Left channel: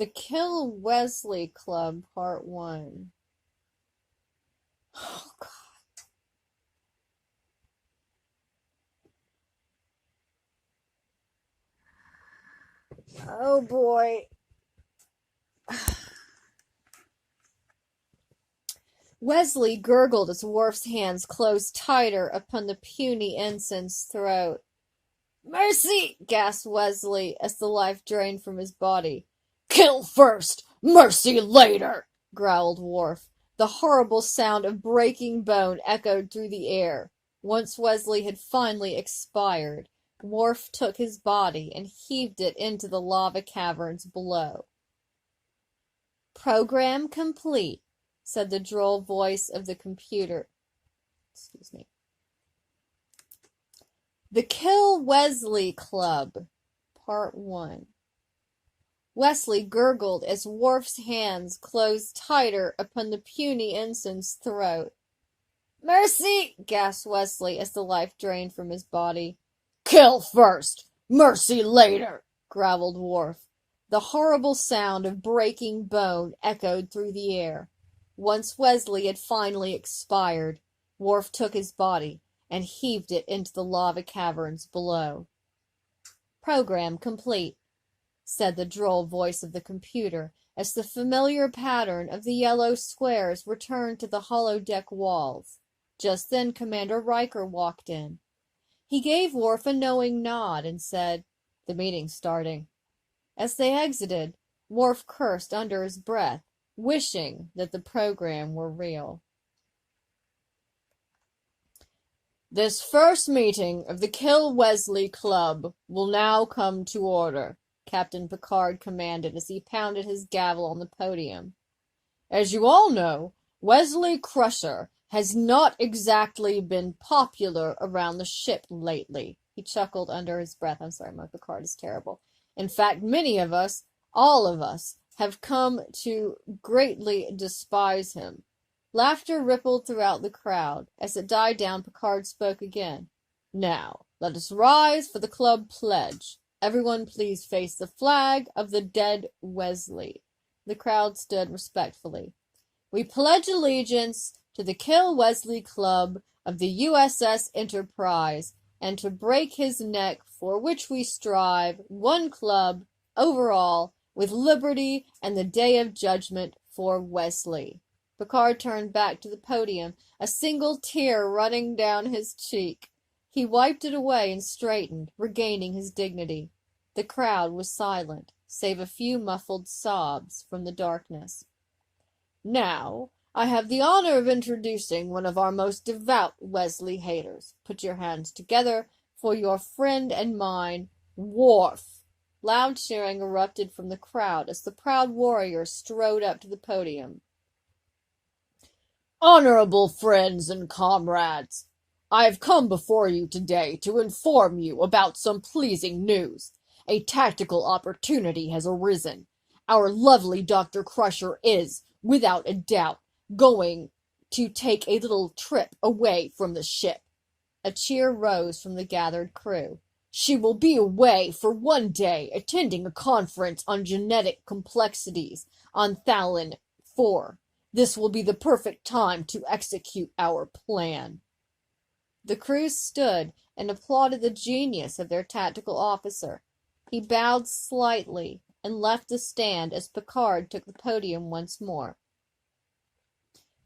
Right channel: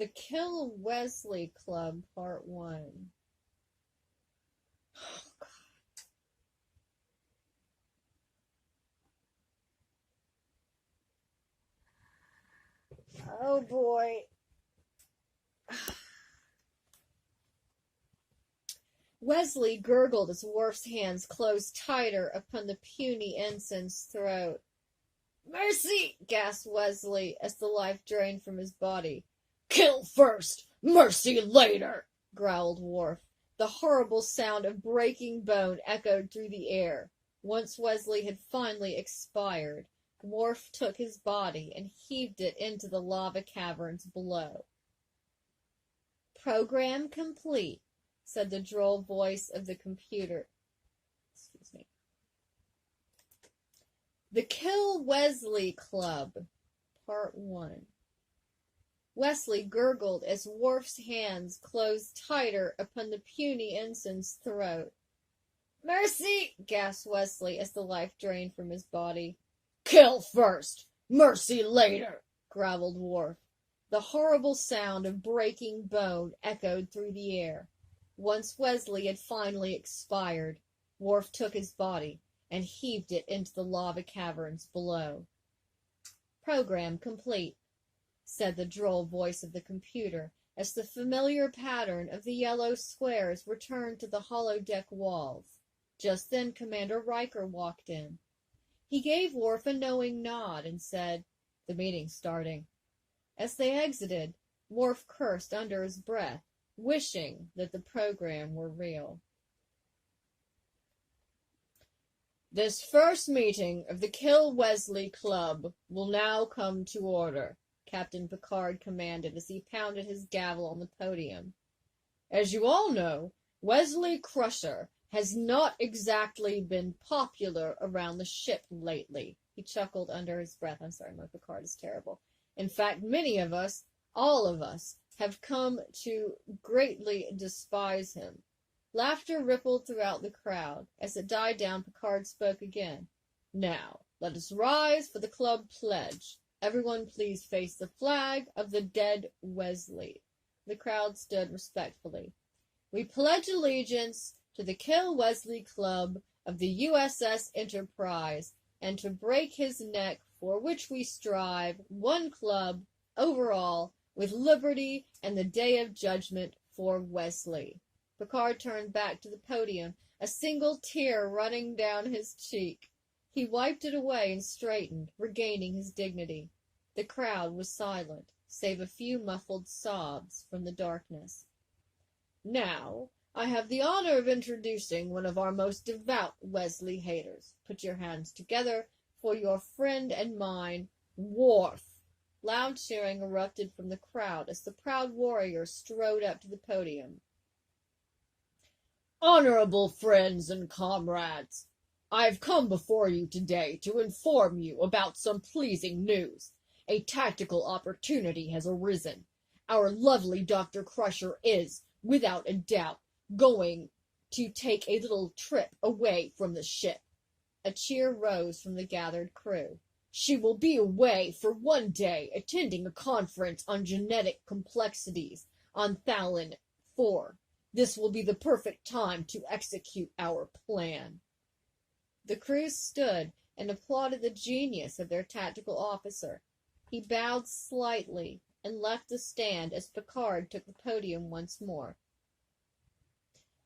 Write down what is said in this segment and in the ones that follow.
The Kill Wesley Club, Part 1. Oh, God. Oh, boy. Wesley gurgled as Worf's hands closed tighter upon the puny ensign's throat. "Mercy!" gasped Wesley as the life drained from his body. "Kill first, mercy later!" growled Worf. The horrible sound of breaking bone echoed through the air. Once Wesley had finally expired, Worf took his body and heaved it into the lava caverns below. "Program complete," said the droll voice of the computer. Excuse me. The Kill Wesley Club, Part 1. Wesley gurgled as Worf's hands closed tighter upon the puny ensign's throat. "Mercy!" gasped Wesley as the life drained from his body. "Kill first, mercy later!" growled Worf. The horrible sound of breaking bone echoed through the air. Once Wesley had finally expired, Worf took his body and heaved it into the lava caverns below. "Program complete," said the droll voice of the computer as the familiar pattern of the yellow squares returned to the holodeck walls. Just then Commander Riker walked in. He gave Worf a knowing nod and said, "The meeting's starting." As they exited, Worf cursed under his breath, wishing that the program were real. "This first meeting of the Kill Wesley Club will now come to order," Captain Picard commanded as he pounded his gavel on the podium. "As you all know, Wesley Crusher has not exactly been popular around the ship lately." He chuckled under his breath. I'm sorry, my Picard is terrible. "In fact, many of us, all of us, have come to greatly despise him." Laughter rippled throughout the crowd. As it died down, Picard spoke again. "Now, let us rise for the club pledge. Everyone please face the flag of the dead Wesley." The crowd stood respectfully. "We pledge allegiance to the Kill Wesley Club of the USS Enterprise, and to break his neck, for which we strive, one club, over all, with liberty and the day of judgment for Wesley." Picard turned back to the podium, a single tear running down his cheek. He wiped it away and straightened, regaining his dignity. The crowd was silent, save a few muffled sobs from the darkness. "Now, I have the honor of introducing one of our most devout Wesley haters. Put your hands together for your friend and mine, Worf." Loud cheering erupted from the crowd as the proud warrior strode up to the podium. "Honorable friends and comrades, I have come before you today to inform you about some pleasing news. A tactical opportunity has arisen. Our lovely Dr. Crusher is, without a doubt, going to take a little trip away from the ship." A cheer rose from the gathered crew. "She will be away for one day, attending a conference on genetic complexities on Thalin 4. This will be the perfect time to execute our plan." The crew stood and applauded the genius of their tactical officer. He bowed slightly and left the stand as Picard took the podium once more.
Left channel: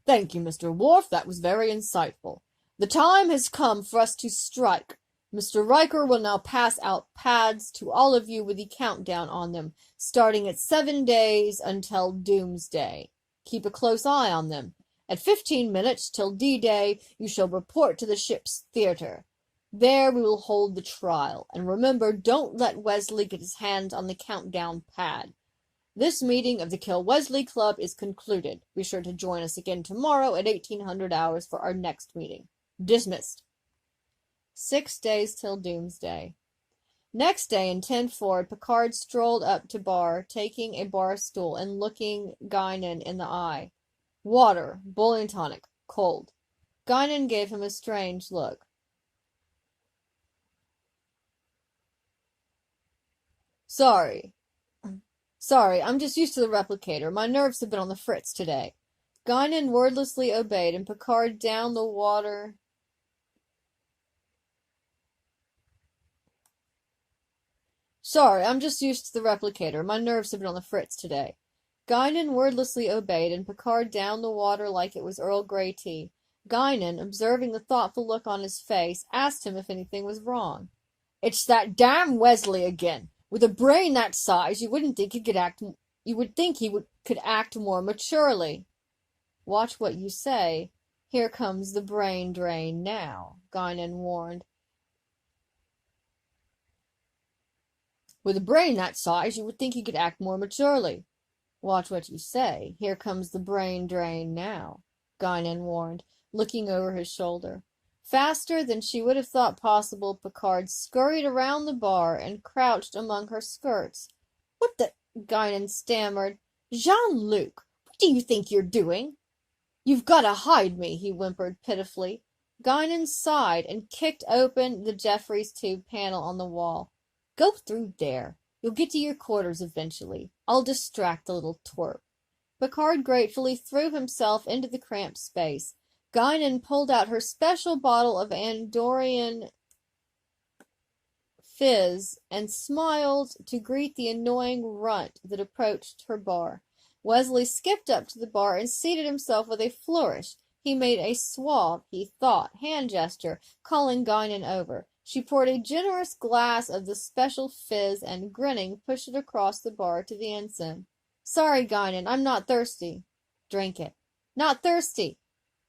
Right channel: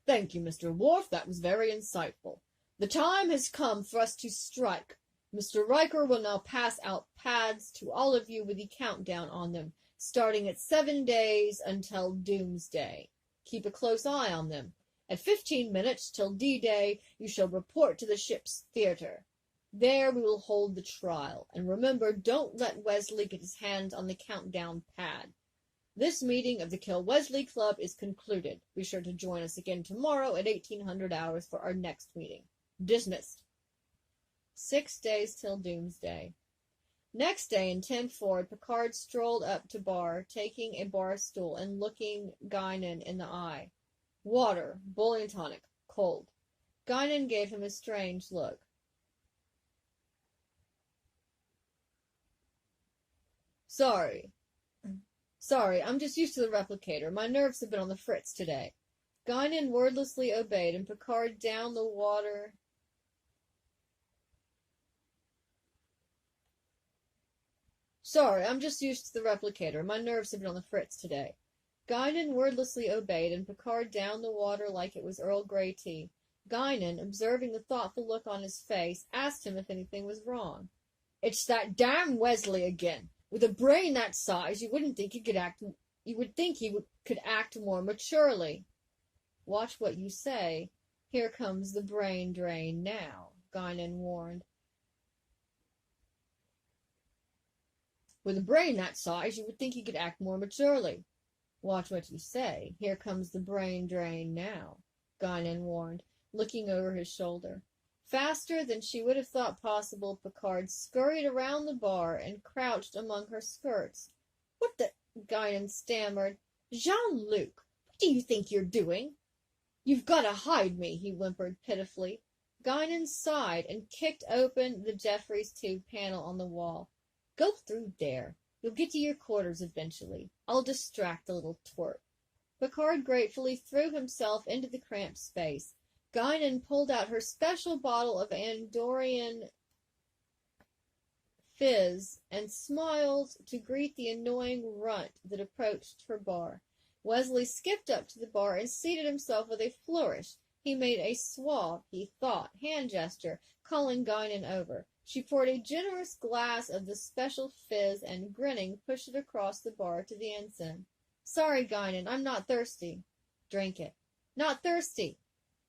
"Thank you, Mr. Worf. That was very insightful. The time has come for us to strike. Mr. Riker will now pass out pads to all of you with the countdown on them, starting at 7 days until doomsday. Keep a close eye on them. At 15 minutes till D-Day, you shall report to the ship's theater. There we will hold the trial. And remember, don't let Wesley get his hands on the countdown pad. This meeting of the Kill Wesley Club is concluded. Be sure to join us again tomorrow at 1800 hours for our next meeting. Dismissed." 6 days till doomsday. Next day, in 10 forward, Picard strolled up to bar, taking a bar stool and looking Guinan in the eye. "Water, boiling tonic, cold." Guinan gave him a strange look. Sorry, Sorry, I'm just used to the replicator. My nerves have been on the fritz today. Guinan wordlessly obeyed, and Picard downed the water. Sorry, I'm just used to the replicator. My nerves have been on the fritz today. Guinan wordlessly obeyed, and Picard downed the water like it was Earl Grey tea. Guinan, observing the thoughtful look on his face, asked him if anything was wrong. It's that damn Wesley again. With a brain that size, you wouldn't think he could act. You would think he could act more maturely. Watch what you say. Here comes the brain drain now, Guinan warned. With a brain that size, you would think he could act more maturely. Watch what you say. Here comes the brain drain now, Guinan warned, looking over his shoulder. Faster than she would have thought possible, Picard scurried around the bar and crouched among her skirts. What the... Guinan stammered. Jean-Luc, what do you think you're doing? You've got to hide me, he whimpered pitifully. Guinan sighed and kicked open the Jeffries tube panel on the wall. Go through there. You'll get to your quarters eventually. I'll distract the little twerp. Picard gratefully threw himself into the cramped space. Guinan pulled out her special bottle of Andorian fizz and smiled to greet the annoying runt that approached her bar. Wesley skipped up to the bar and seated himself with a flourish. He made a suave, he thought, hand gesture, calling Guinan over. She poured a generous glass of the special fizz and, grinning, pushed it across the bar to the ensign. Sorry, Guinan, I'm not thirsty. Drink it. Not thirsty.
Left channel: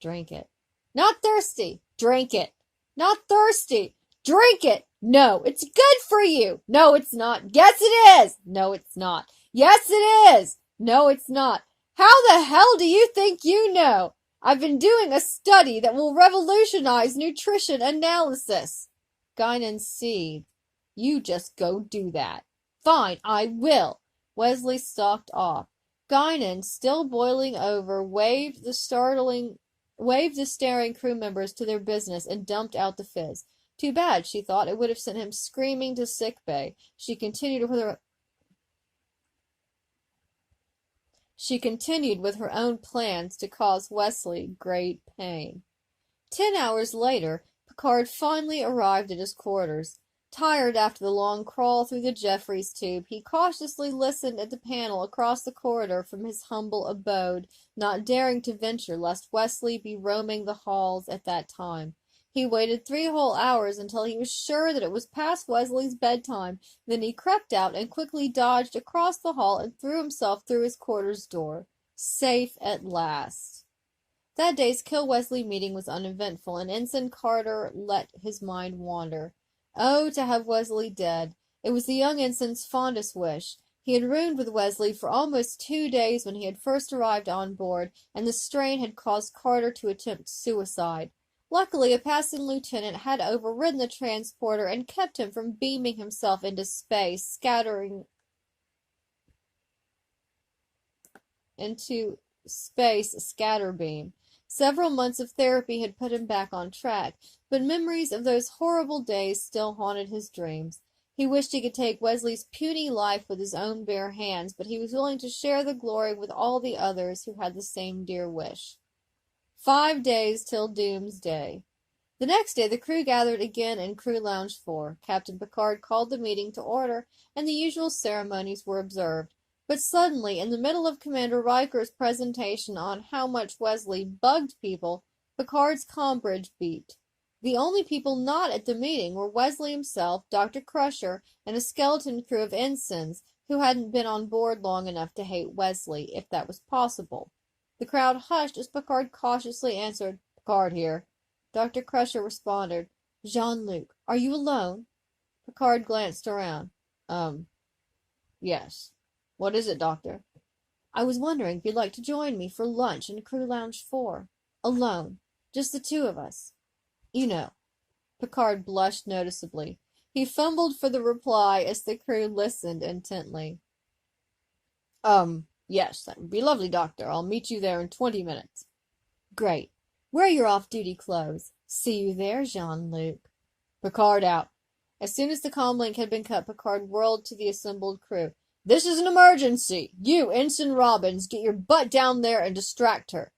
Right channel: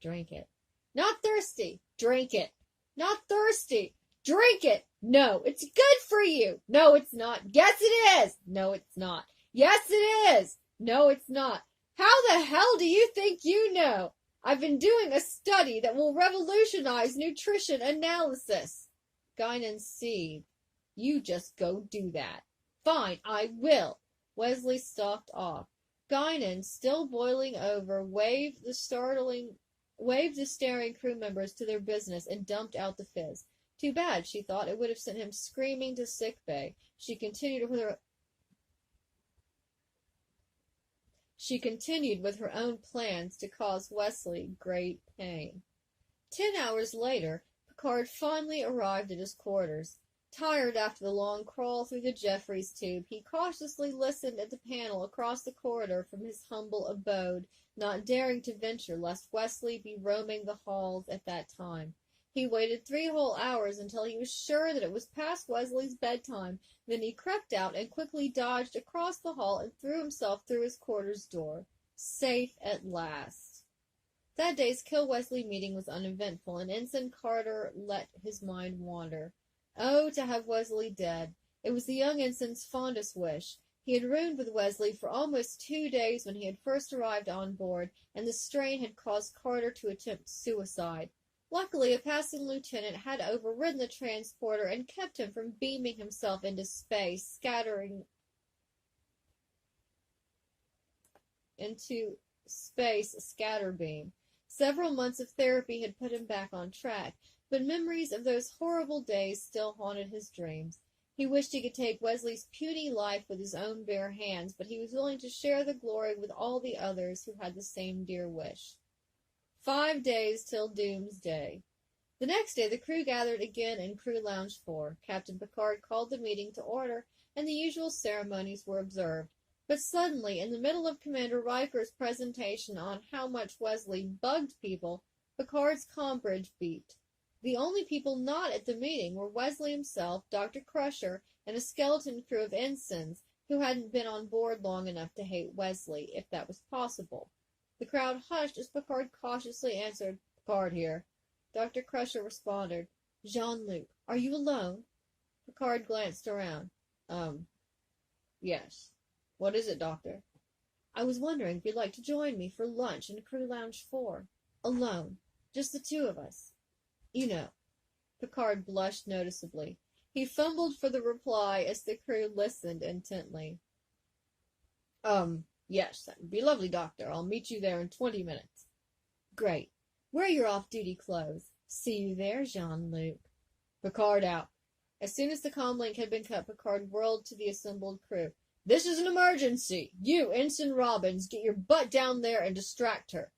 Drink it. Not thirsty. Drink it. Not thirsty. Drink it. No, it's good for you. No, it's not. Yes, it is. No, it's not. Yes, it is. No, it's not. How the hell do you think you know? I've been doing a study that will revolutionize nutrition analysis. Guinan seethed. You just go do that. Fine, I will. Wesley stalked off. Guinan, still boiling over, waved the staring crew members to their business and dumped out the fizz. Too bad, she thought. It would have sent him screaming to sick bay. She continued with her own plans to cause Wesley great pain. 10 hours later, Picard finally arrived at his quarters. Tired after the long crawl through the Jeffries tube, he cautiously listened at the panel across the corridor from his humble abode, not daring to venture lest Wesley be roaming the halls at that time. He waited 3 whole hours until he was sure that it was past Wesley's bedtime. Then he crept out and quickly dodged across the hall and threw himself through his quarters door. Safe at last. That day's Kill Wesley meeting was uneventful, and Ensign Carter let his mind wander. Oh, to have Wesley dead. It was the young ensign's fondest wish. He had roomed with Wesley for almost 2 days when he had first arrived on board, and the strain had caused Carter to attempt suicide. Luckily, a passing lieutenant had overridden the transporter and kept him from beaming himself into space, scatterbeam. Several months of therapy had put him back on track, but memories of those horrible days still haunted his dreams. He wished he could take Wesley's puny life with his own bare hands, but he was willing to share the glory with all the others who had the same dear wish. 5 days till doomsday. The next day the crew gathered again in Crew Lounge 4. Captain Picard called the meeting to order, and the usual ceremonies were observed. But suddenly, in the middle of Commander Riker's presentation on how much Wesley bugged people, Picard's comm bridge beeped. The only people not at the meeting were Wesley himself, Dr. Crusher, and a skeleton crew of ensigns who hadn't been on board long enough to hate Wesley, if that was possible. The crowd hushed as Picard cautiously answered, Picard here. Dr. Crusher responded, Jean-Luc, are you alone? Picard glanced around. Yes. What is it, Doctor? I was wondering if you'd like to join me for lunch in Crew Lounge 4. Alone. Just the 2 of us. You know. Picard blushed noticeably. He fumbled for the reply as the crew listened intently. Yes, that would be lovely, Doctor. I'll meet you there in 20 minutes. Great. Wear your off-duty clothes. See you there, Jean-Luc. Picard out. As soon as the comm link had been cut, Picard whirled to the assembled crew. This is an emergency. You, Ensign Robbins, get your butt down there and distract her.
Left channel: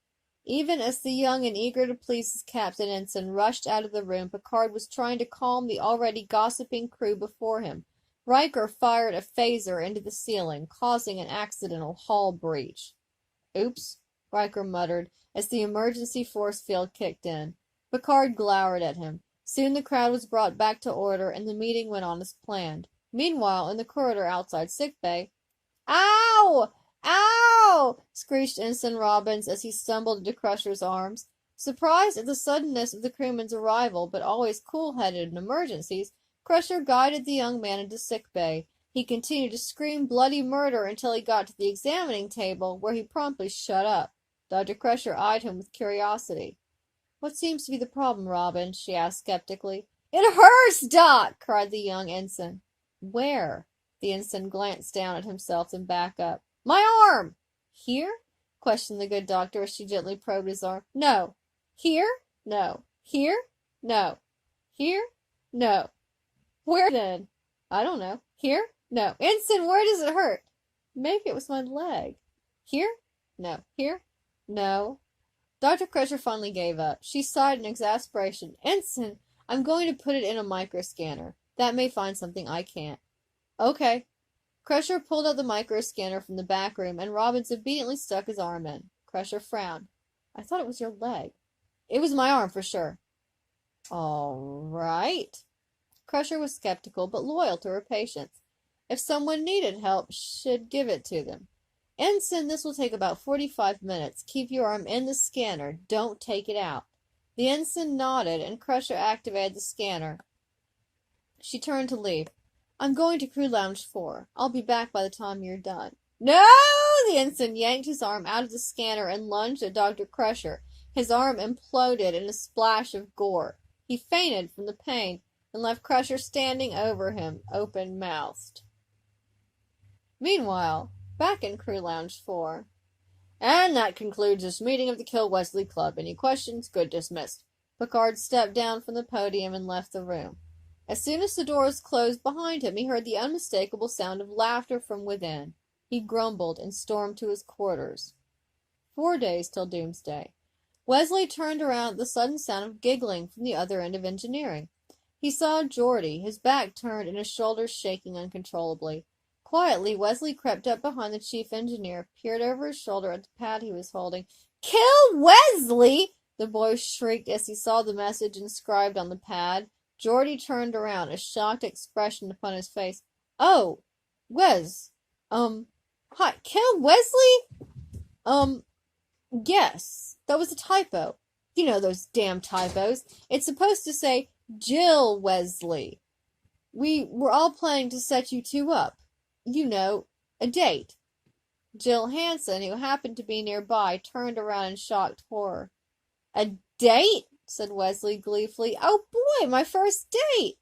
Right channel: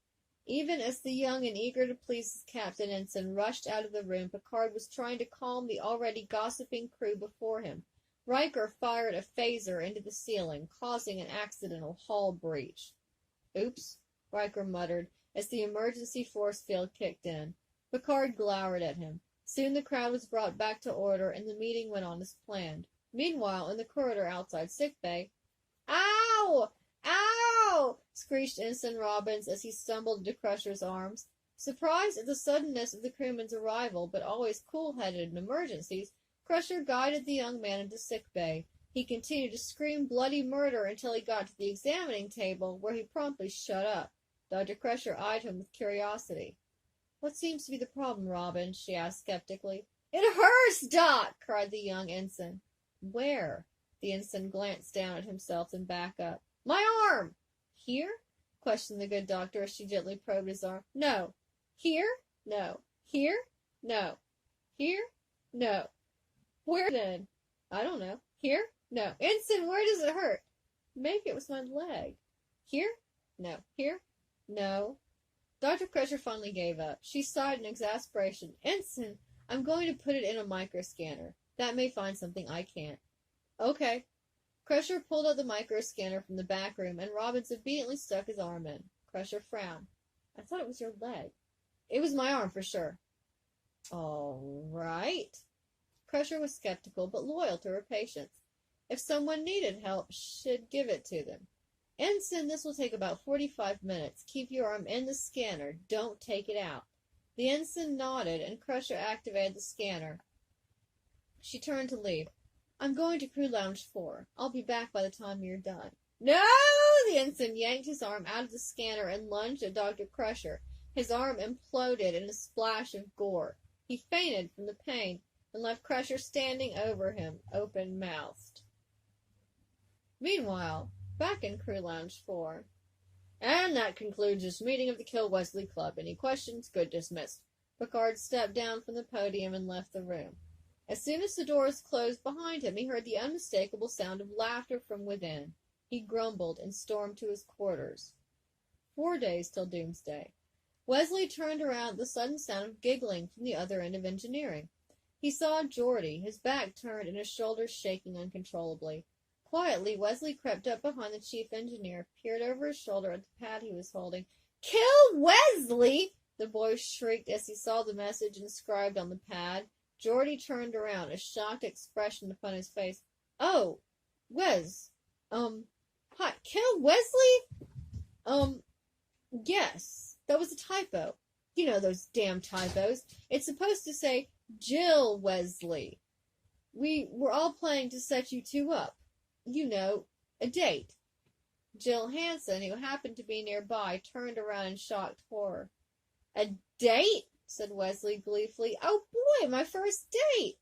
Even as the young and eager to please his captain ensign rushed out of the room, Picard was trying to calm the already gossiping crew before him. Riker fired a phaser into the ceiling, causing an accidental hull breach. Oops, Riker muttered as the emergency force field kicked in. Picard glowered at him. Soon the crowd was brought back to order, and the meeting went on as planned. Meanwhile, in the corridor outside sickbay, "Ow! Ow!" screeched Ensign Robbins as he stumbled into Crusher's arms. Surprised at the suddenness of the crewman's arrival, but always cool-headed in emergencies, Crusher guided the young man into sickbay. He continued to scream bloody murder until he got to the examining table, where he promptly shut up. Dr. Crusher eyed him with curiosity. "What seems to be the problem, Robin?" she asked skeptically. "It hurts, Doc!" cried the young ensign. "Where?" The ensign glanced down at himself and back up. "My arm!" "Here?" questioned the good doctor as she gently probed his arm. "No." "Here?" "No." "Here?" "No." "Here?" "No." "Where then?" "I don't know." "Here?" "No." "Ensign, where does it hurt?" "Maybe it was my leg." "Here?" "No." "Here?" "No." Dr. Crusher finally gave up. She sighed in exasperation. "Ensign, I'm going to put it in a microscanner. That may find something I can't." "Okay." Crusher pulled out the microscanner from the back room, and Robbins obediently stuck his arm in. Crusher frowned. "I thought it was your leg." "It was my arm for sure." "All right." Crusher was skeptical, but loyal to her patients. If someone needed help, she'd give it to them. "Ensign, this will take about 45 minutes. Keep your arm in the scanner. Don't take it out." The ensign nodded, and Crusher activated the scanner. She turned to leave. "I'm going to Crew Lounge 4. I'll be back by the time you're done." "No!" The ensign yanked his arm out of the scanner and lunged at Dr. Crusher. His arm imploded in a splash of gore. He fainted from the pain and left Crusher standing over him, open-mouthed. Meanwhile, back in Crew Lounge 4. "And that concludes this meeting of the Kill Wesley Club. Any questions? Good, dismissed." Picard stepped down from the podium and left the room. As soon as the doors closed behind him, he heard the unmistakable sound of laughter from within. He grumbled and stormed to his quarters. 4 days till doomsday. Wesley turned around at the sudden sound of giggling from the other end of engineering. He saw Geordi, his back turned and his shoulders shaking uncontrollably. Quietly, Wesley crept up behind the chief engineer, peered over his shoulder at the pad he was holding. "Kill Wesley!" the boy shrieked as he saw the message inscribed on the pad. Geordi turned around, a shocked expression upon his face. "Oh, Wes, hi, kill Wesley? Yes, that was a typo. You know those damn typos. It's supposed to say Jill Wesley. We were all planning to set you two up. You know, a date." Jill Hansen, who happened to be nearby, turned around in shocked horror. "A date?" said Wesley gleefully. "Oh boy, my first date!"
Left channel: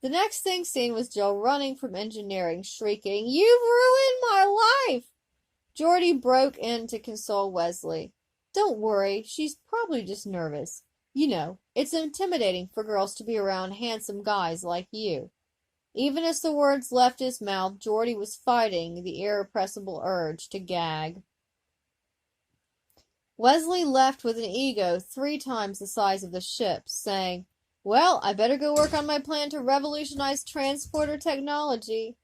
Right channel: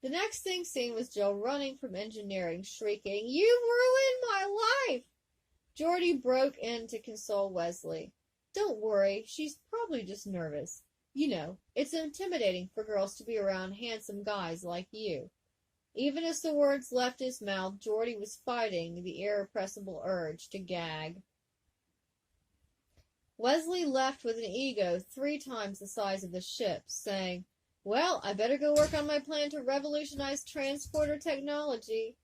The next thing seen was Jill running from engineering, shrieking, "You've ruined my life!" Geordi broke in to console Wesley. "Don't worry, she's probably just nervous. You know, it's intimidating for girls to be around handsome guys like you." Even as the words left his mouth, Geordi was fighting the irrepressible urge to gag. Wesley left with an ego 3 times the size of the ship, saying, "Well, I better go work on my plan to revolutionize transporter technology."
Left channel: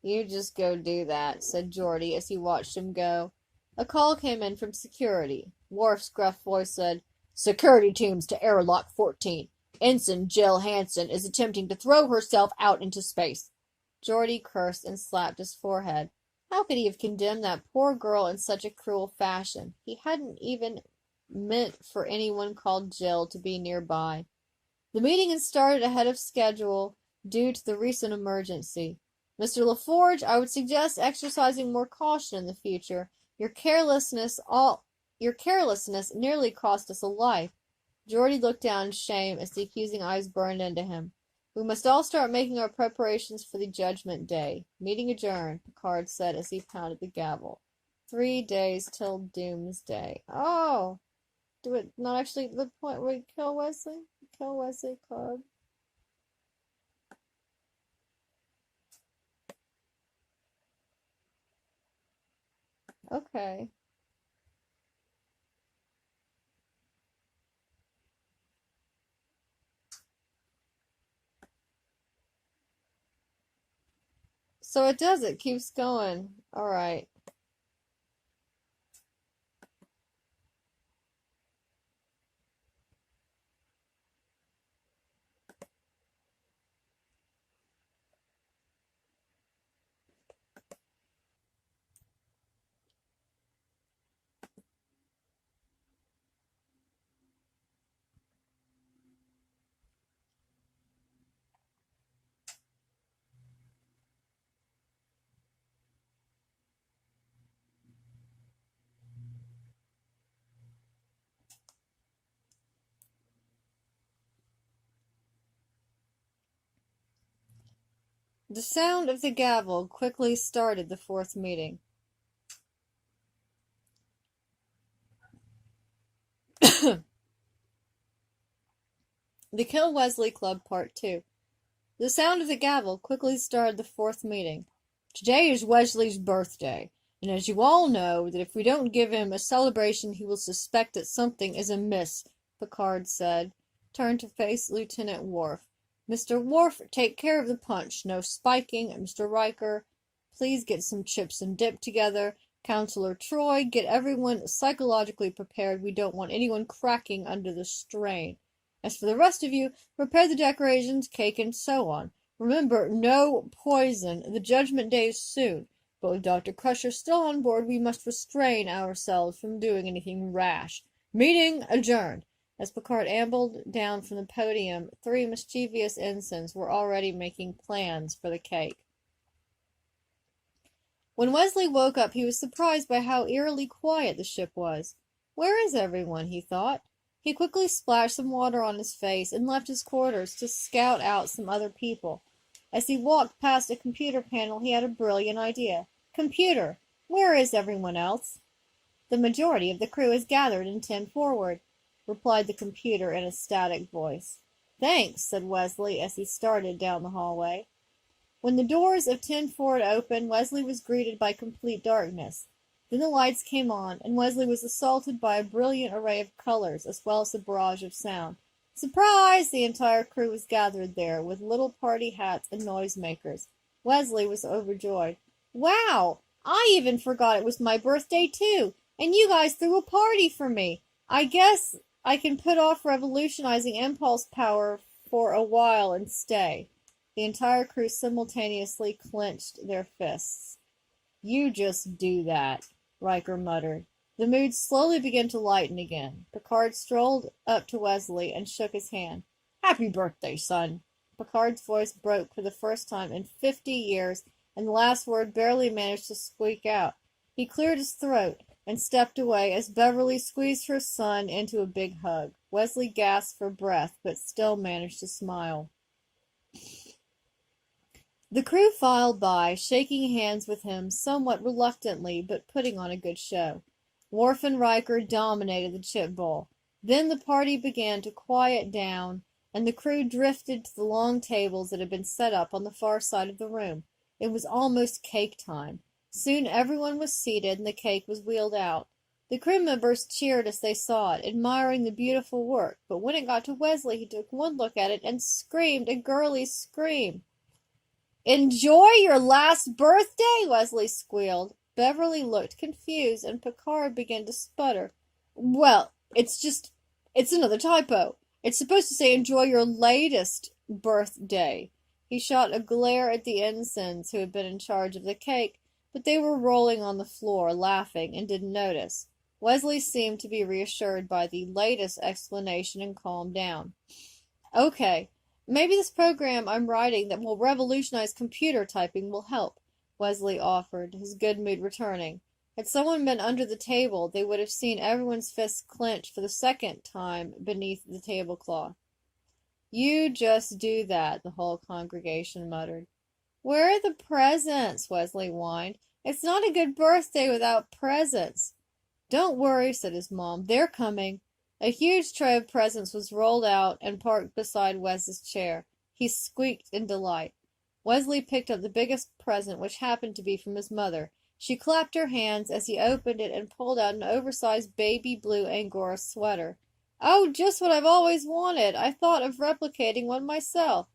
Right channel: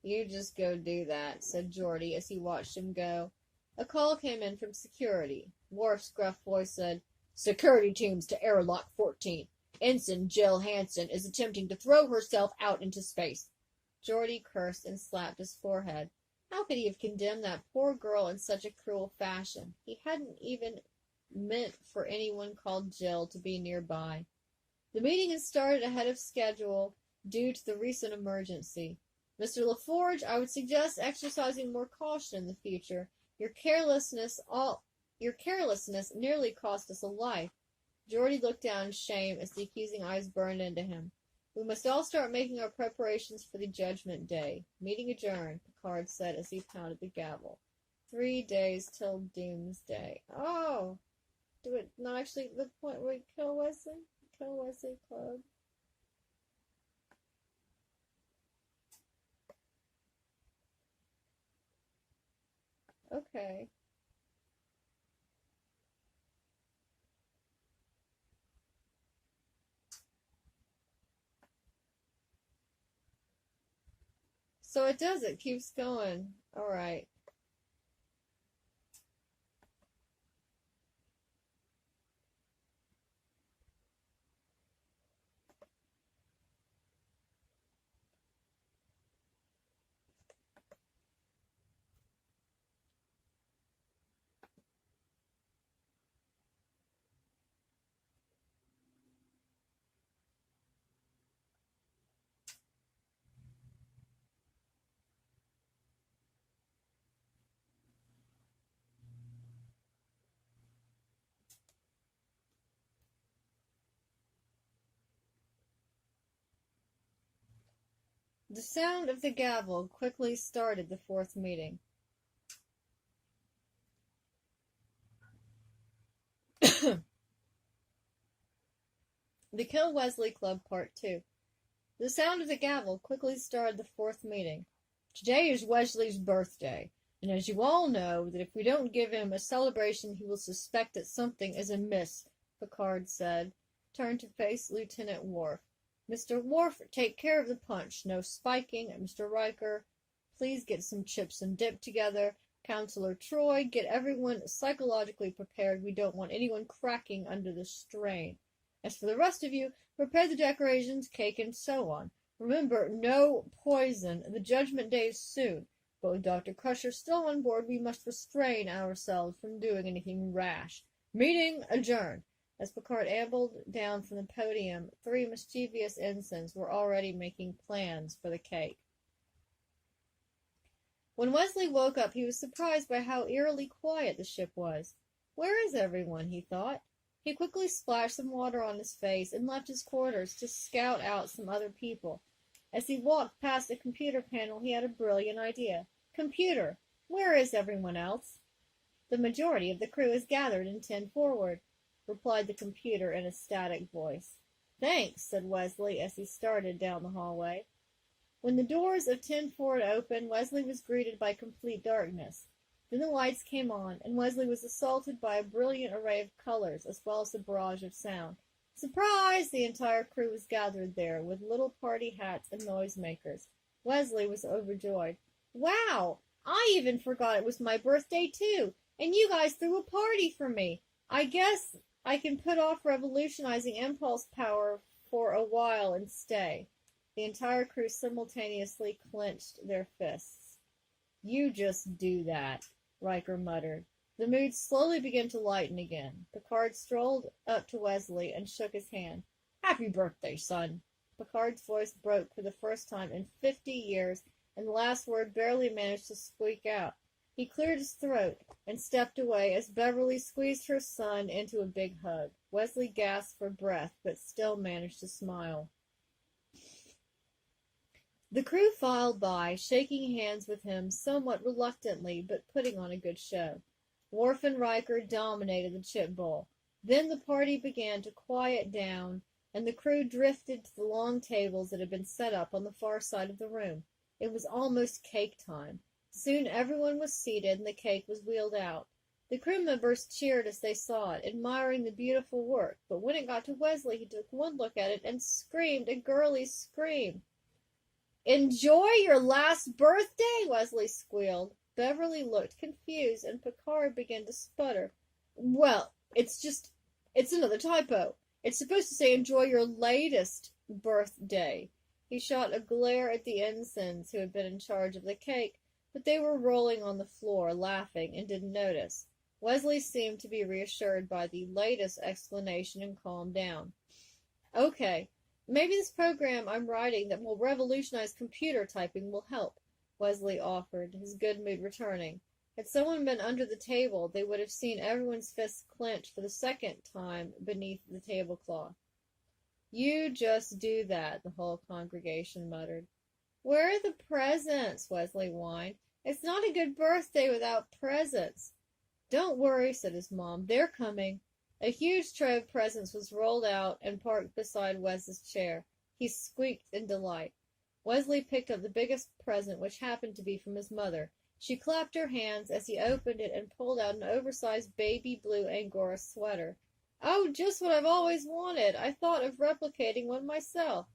"You just go do that," said Geordi as he watched him go. A call came in from security. Worf's gruff voice said, "Security teams to airlock 14. Ensign Jill Hansen is attempting to throw herself out into space." Geordi cursed and slapped his forehead. How could he have condemned that poor girl in such a cruel fashion? He hadn't even meant for anyone called Jill to be nearby. The meeting had started ahead of schedule due to the recent emergency. "Mr. LaForge, I would suggest exercising more caution in the future. Your carelessness nearly cost us a life." Geordi looked down in shame as the accusing eyes burned into him. "We must all start making our preparations for the Judgment Day. Meeting adjourned," Picard said as he pounded the gavel. 3 days till doomsday. Oh! Do it not actually the point where we kill Wesley? Kill Wesley Club. Okay. So it keeps going. Alright. The sound of the gavel quickly started the fourth meeting. The Kill Wesley Club Part 2. The sound of the gavel quickly started the fourth meeting. Today is Wesley's birthday, and as you all know, that if we don't give him a celebration he will suspect that something is amiss, Picard said, turned to face Lieutenant Worf. Mr. Worf, take care of the punch. No spiking. Mr. Riker, please get some chips and dip together. Counselor Troy, get everyone psychologically prepared. We don't want anyone cracking under the strain. As for the rest of you, prepare the decorations, cake, and so on. Remember, no poison. The judgment day is soon. But with Dr. Crusher still on board, we must restrain ourselves from doing anything rash. Meeting adjourned. As Picard ambled down from the podium, 3 mischievous ensigns were already making plans for the cake. When Wesley woke up, he was surprised by how eerily quiet the ship was. Where is everyone? He thought. He quickly splashed some water on his face and left his quarters to scout out some other people. As he walked past a computer panel, he had a brilliant idea. Computer, where is everyone else? The majority of the crew is gathered in 10 forward, replied the computer in a static voice. Thanks, said Wesley as he started down the hallway. When the doors of 10 forward opened, Wesley was greeted by complete darkness. Then the lights came on, and Wesley was assaulted by a brilliant array of colors, as well as a barrage of sound. Surprise! The entire crew was gathered there, with little party hats and noisemakers. Wesley was overjoyed. Wow! I even forgot it was my birthday, too, and you guys threw a party for me. I guess I can put off revolutionizing impulse power for a while and stay. The entire crew simultaneously clenched their fists. You just do that, Riker muttered. The mood slowly began to lighten again. Picard strolled up to Wesley and shook his hand. Happy birthday, son. Picard's voice broke for the first time in 50 years, and the last word barely managed to squeak out. He cleared his throat and stepped away as Beverly squeezed her son into a big hug. Wesley gasped for breath, but still managed to smile. The crew filed by, shaking hands with him somewhat reluctantly, but putting on a good show. Worf and Riker dominated the chip bowl. Then the party began to quiet down, and the crew drifted to the long tables that had been set up on the far side of the room. It was almost cake time. Soon everyone was seated, and the cake was wheeled out. The crew members cheered as they saw it, admiring the beautiful work, but when it got to Wesley, he took one look at it and screamed a girly scream. Enjoy your last birthday, Wesley squealed. Beverly looked confused, and Picard began to sputter. Well, it's another typo. It's supposed to say enjoy your latest birthday. He shot a glare at the ensigns who had been in charge of the cake, but they were rolling on the floor, laughing, and didn't notice. Wesley seemed to be reassured by the latest explanation and calmed down. Okay. Maybe this program I'm writing that will revolutionize computer typing will help, Wesley offered, his good mood returning. Had someone been under the table, they would have seen everyone's fists clenched for the second time beneath the tablecloth. You just do that, the whole congregation muttered. Where are the presents? Wesley whined. It's not a good birthday without presents. Don't worry, said his mom. They're coming. A huge tray of presents was rolled out and parked beside Wes's chair. He squeaked in delight. Wesley picked up the biggest present, which happened to be from his mother. She clapped her hands as he opened it and pulled out an oversized baby blue Angora sweater. "Oh, just what I've always wanted! I thought of replicating one myself."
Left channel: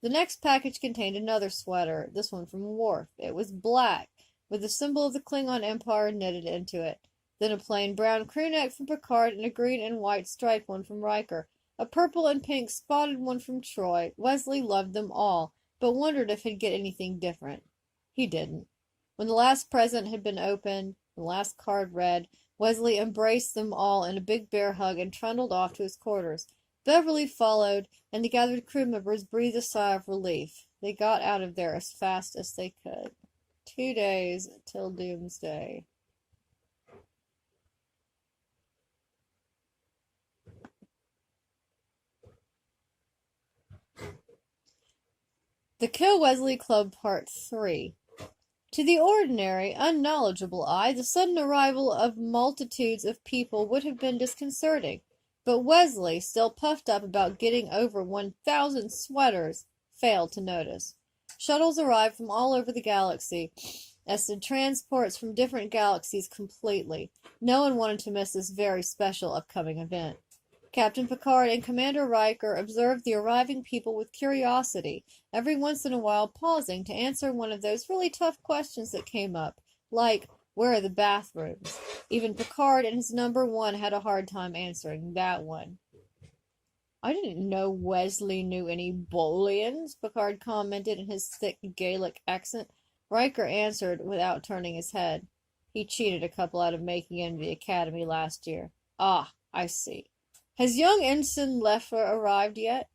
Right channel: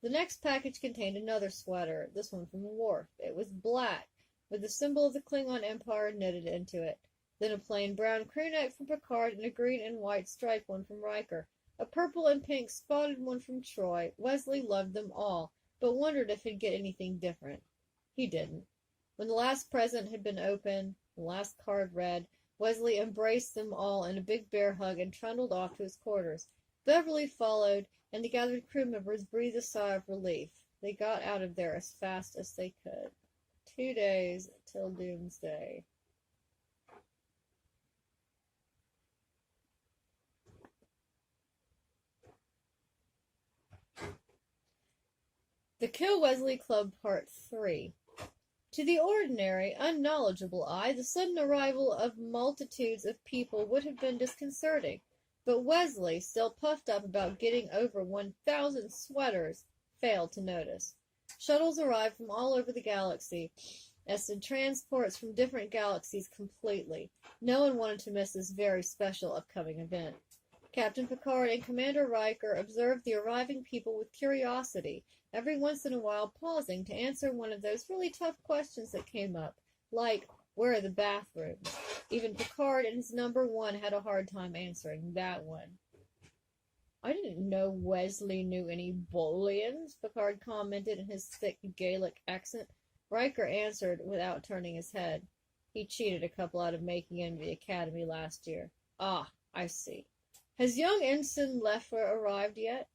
The next package contained another sweater, this one from Worf. It was black, with the symbol of the Klingon Empire knitted into it. Then a plain brown crewneck from Picard and a green and white striped one from Riker. A purple and pink spotted one from Troy. Wesley loved them all, but wondered if he'd get anything different. He didn't. When the last present had been opened, the last card read, Wesley embraced them all in a big bear hug and trundled off to his quarters. Beverly followed, and the gathered crew members breathed a sigh of relief. They got out of there as fast as they could. 2 days till doomsday. The Kill Wesley Club Part 3. To the ordinary, unknowledgeable eye, the sudden arrival of multitudes of people would have been disconcerting. But Wesley, still puffed up about getting over 1,000 sweaters, failed to notice. Shuttles arrived from all over the galaxy, as did transports from different galaxies completely. No one wanted to miss this very special upcoming event. Captain Picard and Commander Riker observed the arriving people with curiosity, every once in a while pausing to answer one of those really tough questions that came up, like, where are the bathrooms? Even Picard and his number one had a hard time answering that one. "I didn't know Wesley knew any Bolians," Picard commented in his thick Gaelic accent. Riker answered without turning his head. "He cheated a couple out of making it into the academy last year." "Ah, I see. Has young Ensign Leffer arrived yet?"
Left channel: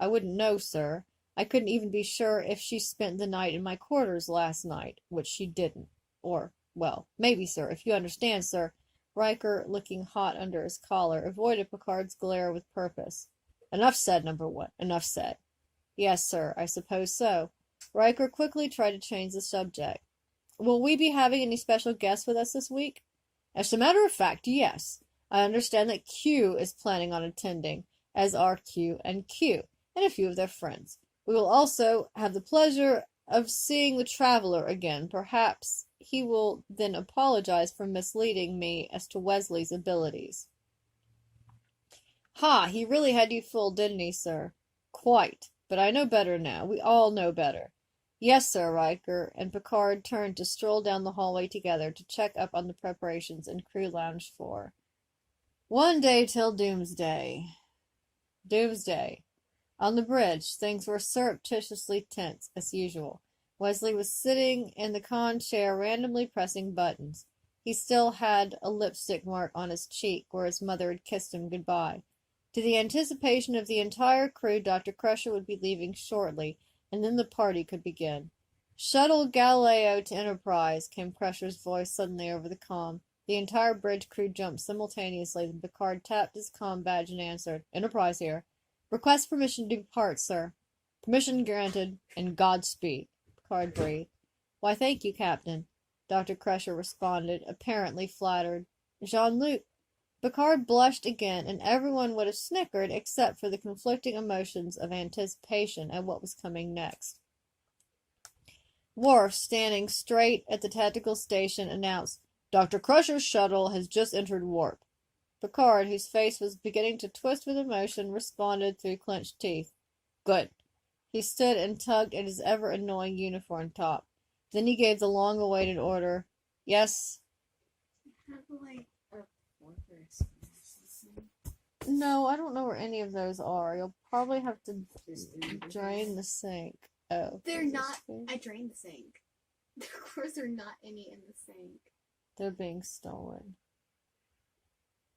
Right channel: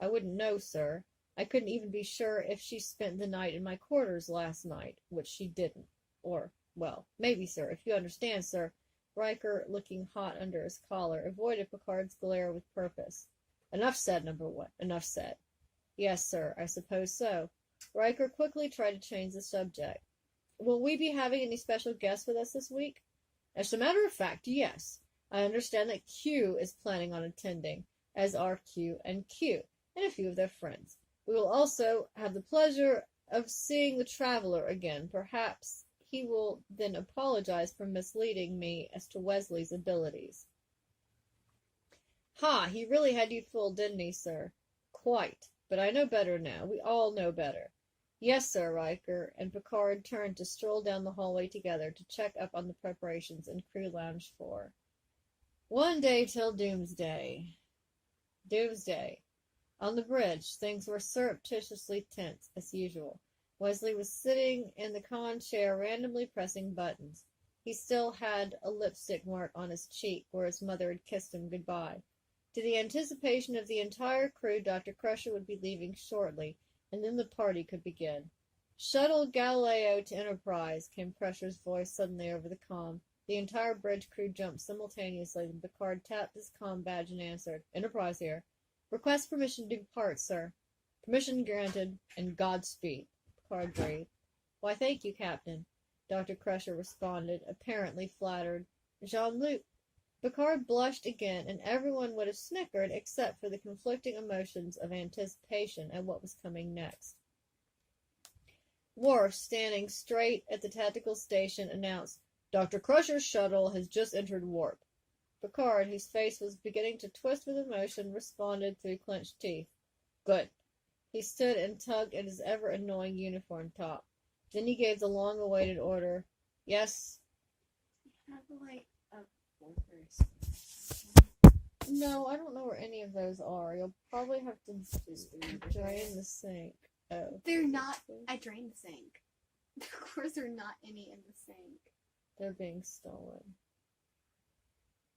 "I wouldn't know, sir. I couldn't even be sure if she spent the night in my quarters last night, which she didn't. Or, well, maybe, sir, if you understand, sir." Riker, looking hot under his collar, avoided Picard's glare with purpose. "Enough said, number one. Enough said." "Yes, sir, I suppose so." Riker quickly tried to change the subject. "Will we be having any special guests with us this week?" "As a matter of fact, yes. I understand that Q is planning on attending, as are Q and Q, and a few of their friends. We will also have the pleasure of seeing the Traveler again. Perhaps he will then apologize for misleading me as to Wesley's abilities." "Ha! He really had you fooled, didn't he, sir?" "Quite. But I know better now. We all know better." "Yes, sir." Riker and Picard turned to stroll down the hallway together to check up on the preparations in Crew Lounge 4. 1 day till doomsday. Doomsday. On the bridge, things were surreptitiously tense, as usual. Wesley was sitting in the con chair, randomly pressing buttons. He still had a lipstick mark on his cheek where his mother had kissed him goodbye. To the anticipation of the entire crew, Dr. Crusher would be leaving shortly, and then the party could begin. "Shuttle Galileo to Enterprise," came Crusher's voice suddenly over the comm. The entire bridge crew jumped simultaneously, then Picard tapped his comm badge and answered, "Enterprise here." "Request permission to depart, sir." "Permission granted, and Godspeed," Picard breathed. "Why, thank you, Captain," Dr. Crusher responded, apparently flattered. "Jean-Luc." Picard blushed again, and everyone would have snickered except for the conflicting emotions of anticipation at what was coming next. Worf, standing straight at the tactical station, announced, "Dr. Crusher's shuttle has just entered warp." Picard, whose face was beginning to twist with emotion, responded through clenched teeth. "Good." He stood and tugged at his ever-annoying uniform top. Then he gave the long-awaited order. "Yes?" "No, I don't know where any of those are. You'll probably have to drain the sink." "Oh. They're not. I drained the sink. Of course, there are not any in the sink. They're being stolen.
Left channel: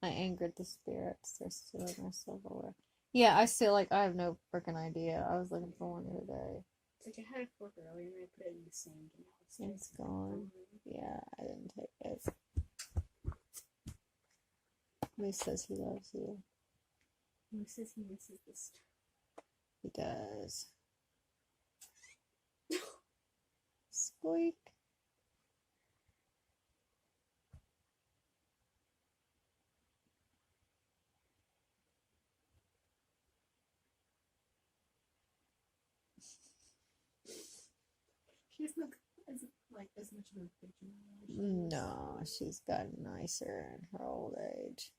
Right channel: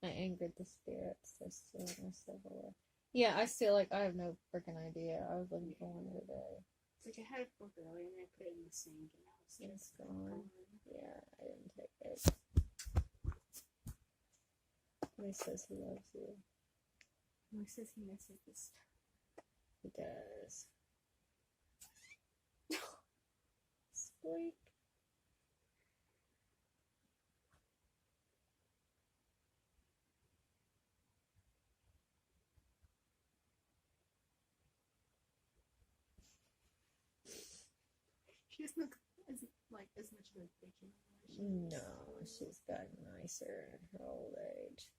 I angered the spirits. They're stealing our silverware. Yeah, I feel like I have no freaking idea. I was looking for one the other day. It's like I had a fork earlier and I put it in the sink and now It's gone. Yeah, I didn't take it. He says he loves you. He says he misses this stuff. He does. Squeak. She doesn't look isn't like as much of a bikini. No, she's gotten nicer in her old age.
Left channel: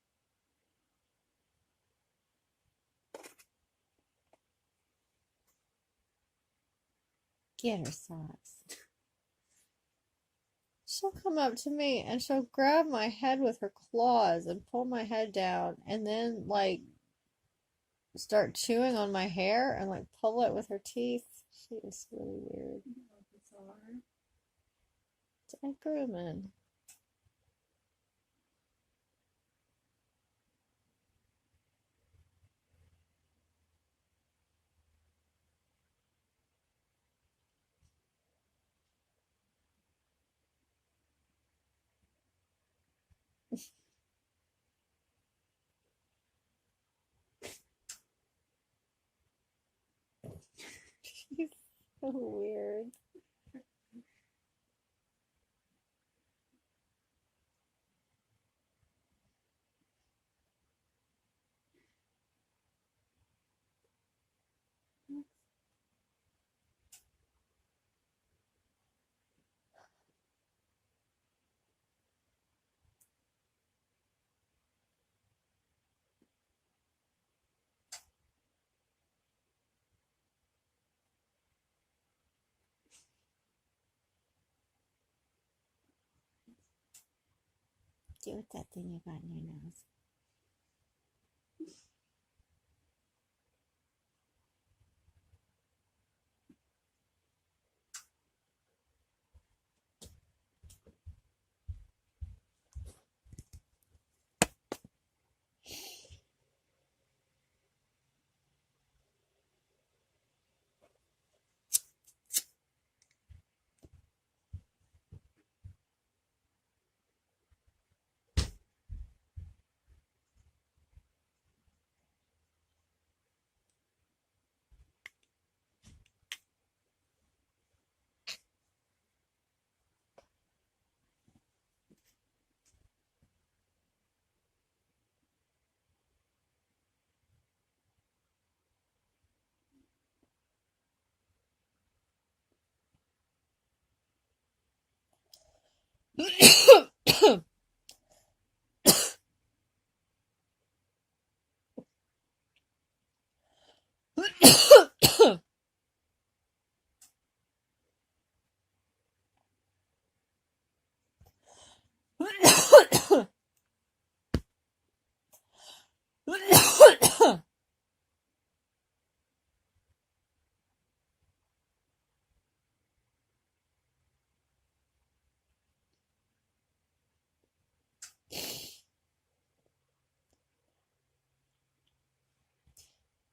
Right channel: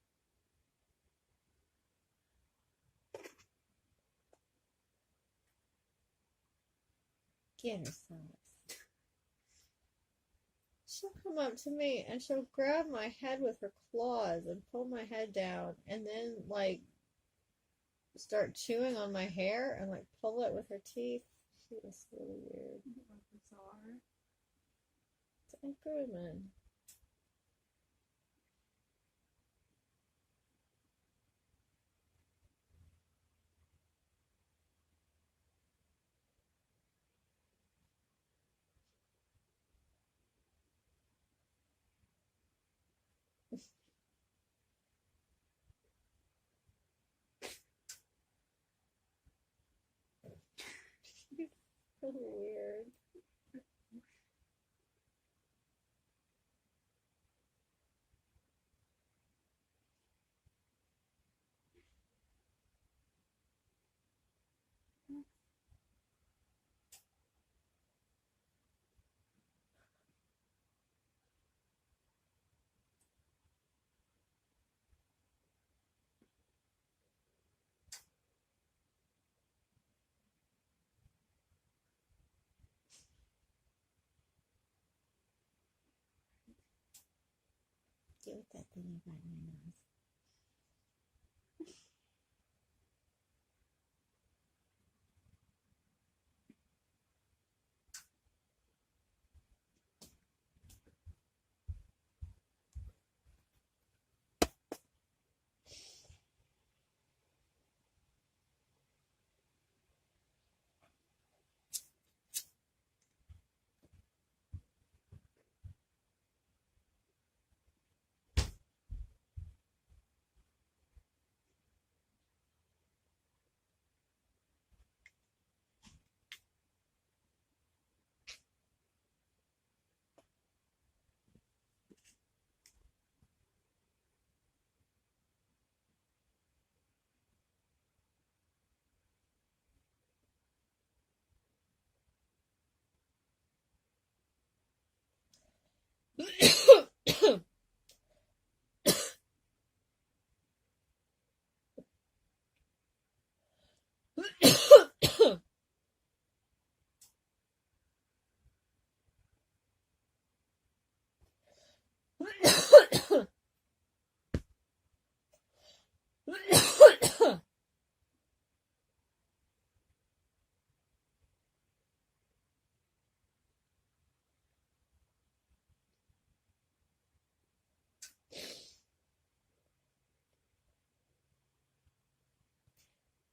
Get her socks. She'll come up to me and she'll grab my head with her claws and pull my head down and then, like, start chewing on my hair and, like, pull it with her teeth. She is really weird. Bizarre. I grew them in. She's so weird. Do with that thing you got in your nose.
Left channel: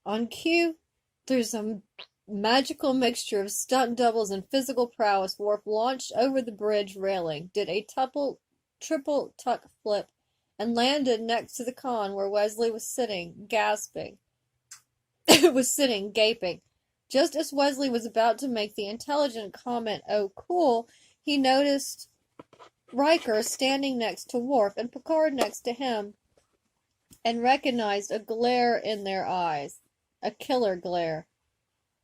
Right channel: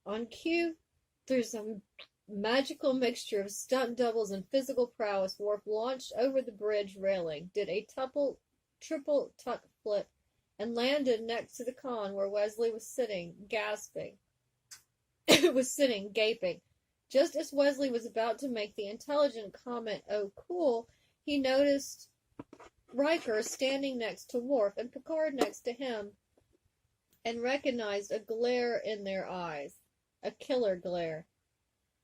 On cue, there's a magical mixture of stunt doubles and physical prowess. Worf launched over the bridge railing, did a triple tuck flip, and landed next to the con where Wesley was sitting, gasping. Gaping. Just as Wesley was about to make the intelligent comment, "Oh, cool," he noticed Riker standing next to Worf and Picard next to him, and recognized a glare in their eyes. A killer glare.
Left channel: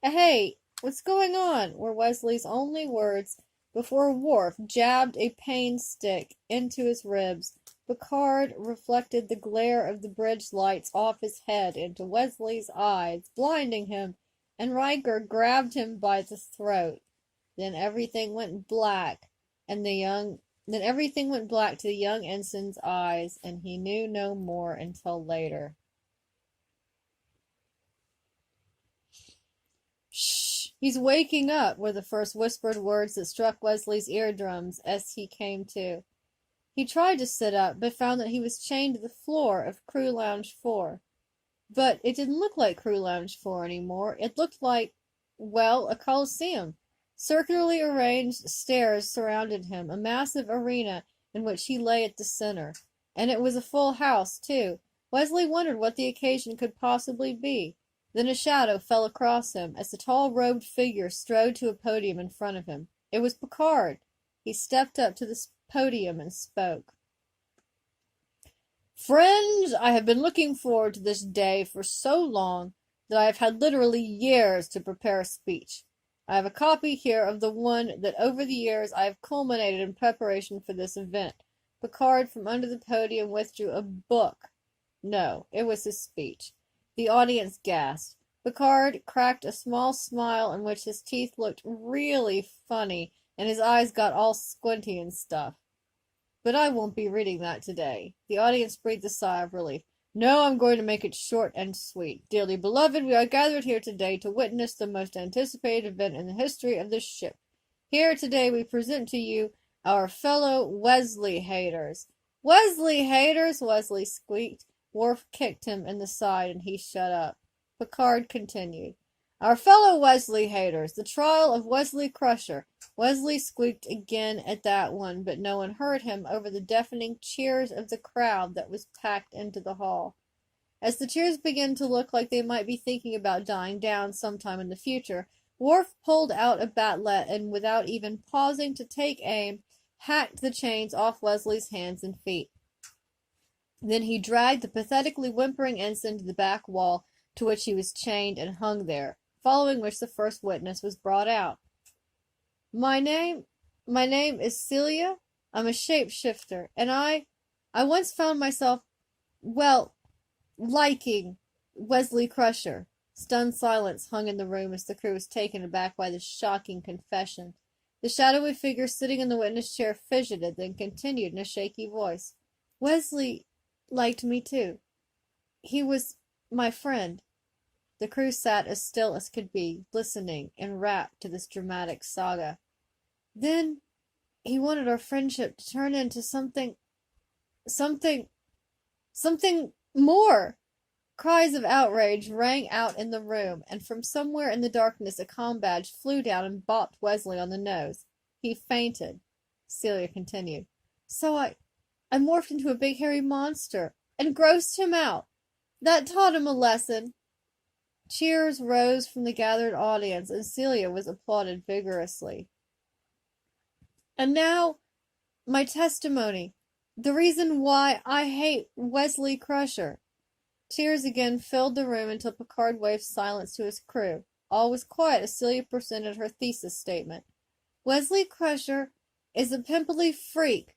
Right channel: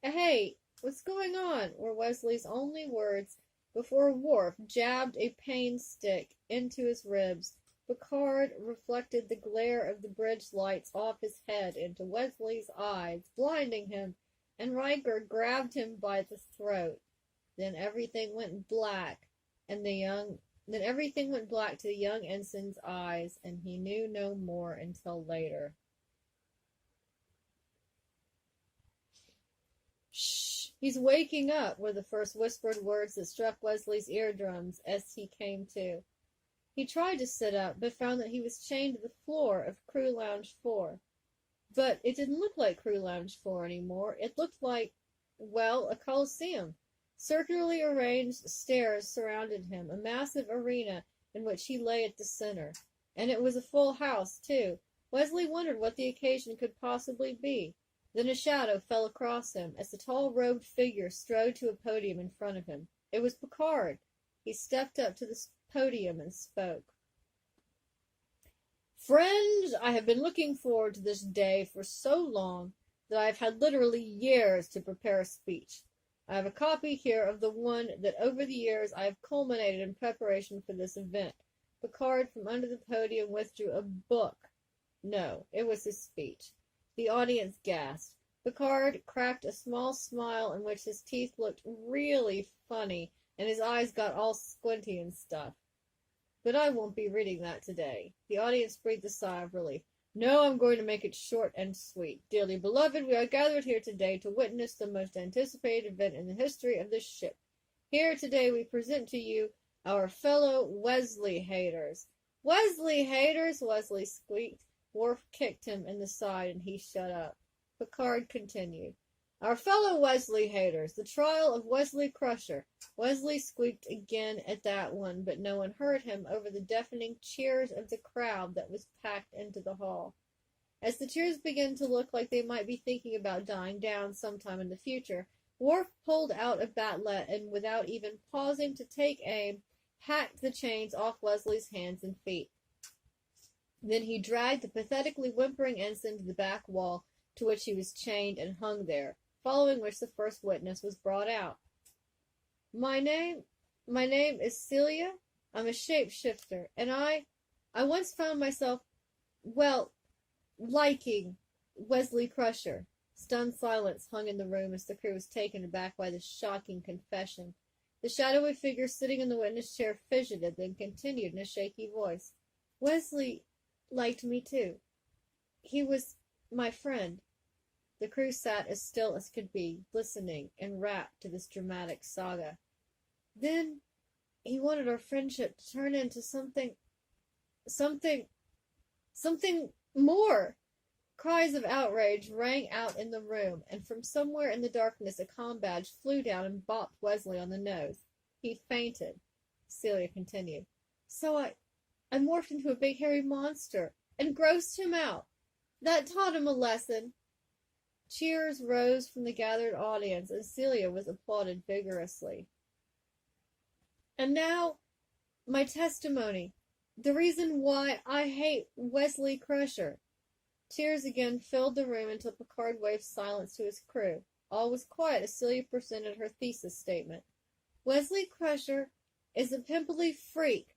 "Hey, what's going on?" were Wesley's only words before Worf jabbed a pain stick into his ribs. Picard reflected the glare of the bridge lights off his head into Wesley's eyes, blinding him, and Riker grabbed him by the throat. Then everything went black, to the young ensign's eyes, and he knew no more until later. "Shh! He's waking up," were the first whispered words that struck Wesley's eardrums as he came to. He tried to sit up, but found that he was chained to the floor of Crew Lounge 4. But it didn't look like Crew Lounge 4 anymore. It looked like, well, a coliseum. Circularly arranged stairs surrounded him, a massive arena in which he lay at the center. And it was a full house, too. Wesley wondered what the occasion could possibly be. Then a shadow fell across him as the tall robed figure strode to a podium in front of him. It was Picard. He stepped up to the podium and spoke. "Friends, I have been looking forward to this day for so long that I have had literally years to prepare a speech. I have a copy here of the one that over the years I have culminated in preparation for this event. Picard from under the podium withdrew a book. No, it was his speech. The audience gasped. Picard cracked a small smile in which his teeth looked really funny and his eyes got all squinty and stuff. But I won't be reading that today. The audience breathed a sigh of relief. No, I'm going to make it short and sweet. Dearly beloved, we are gathered here today to witness the most anticipated event in the history of this ship. Here today we present to you our fellow Wesley haters. Wesley haters, Wesley squeaked. Worf kicked him in the side and he shut up. Picard continued. Our fellow Wesley haters, the trial of Wesley Crusher. Wesley squeaked again at that one, but no one heard him over the deafening cheers of the crowd that was packed into the hall. As the cheers began to look like they might be thinking about dying down sometime in the future, Worf pulled out a bat'let and, without even pausing to take aim, hacked the chains off Wesley's hands and feet. Then he dragged the pathetically whimpering ensign to the back wall to which he was chained and hung there, following which the first witness was brought out. My name is Celia. I'm a shapeshifter, and I once found myself, well, liking Wesley Crusher. Stunned silence hung in the room as the crew was taken aback by this shocking confession. The shadowy figure sitting in the witness chair fidgeted, then continued in a shaky voice. Wesley liked me too. He was my friend. The crew sat as still as could be, listening, enwrapped to this dramatic saga. Then he wanted our friendship to turn into something more. Cries of outrage rang out in the room, and from somewhere in the darkness a comm badge flew down and bopped Wesley on the nose. He fainted. Celia continued. So I morphed into a big hairy monster and grossed him out. That taught him a lesson. Cheers rose from the gathered audience, and Celia was applauded vigorously. And now, my testimony. The reason why I hate Wesley Crusher. Tears again filled the room until Picard waved silence to his crew. All was quiet as Celia presented her thesis statement. Wesley Crusher is a pimply freak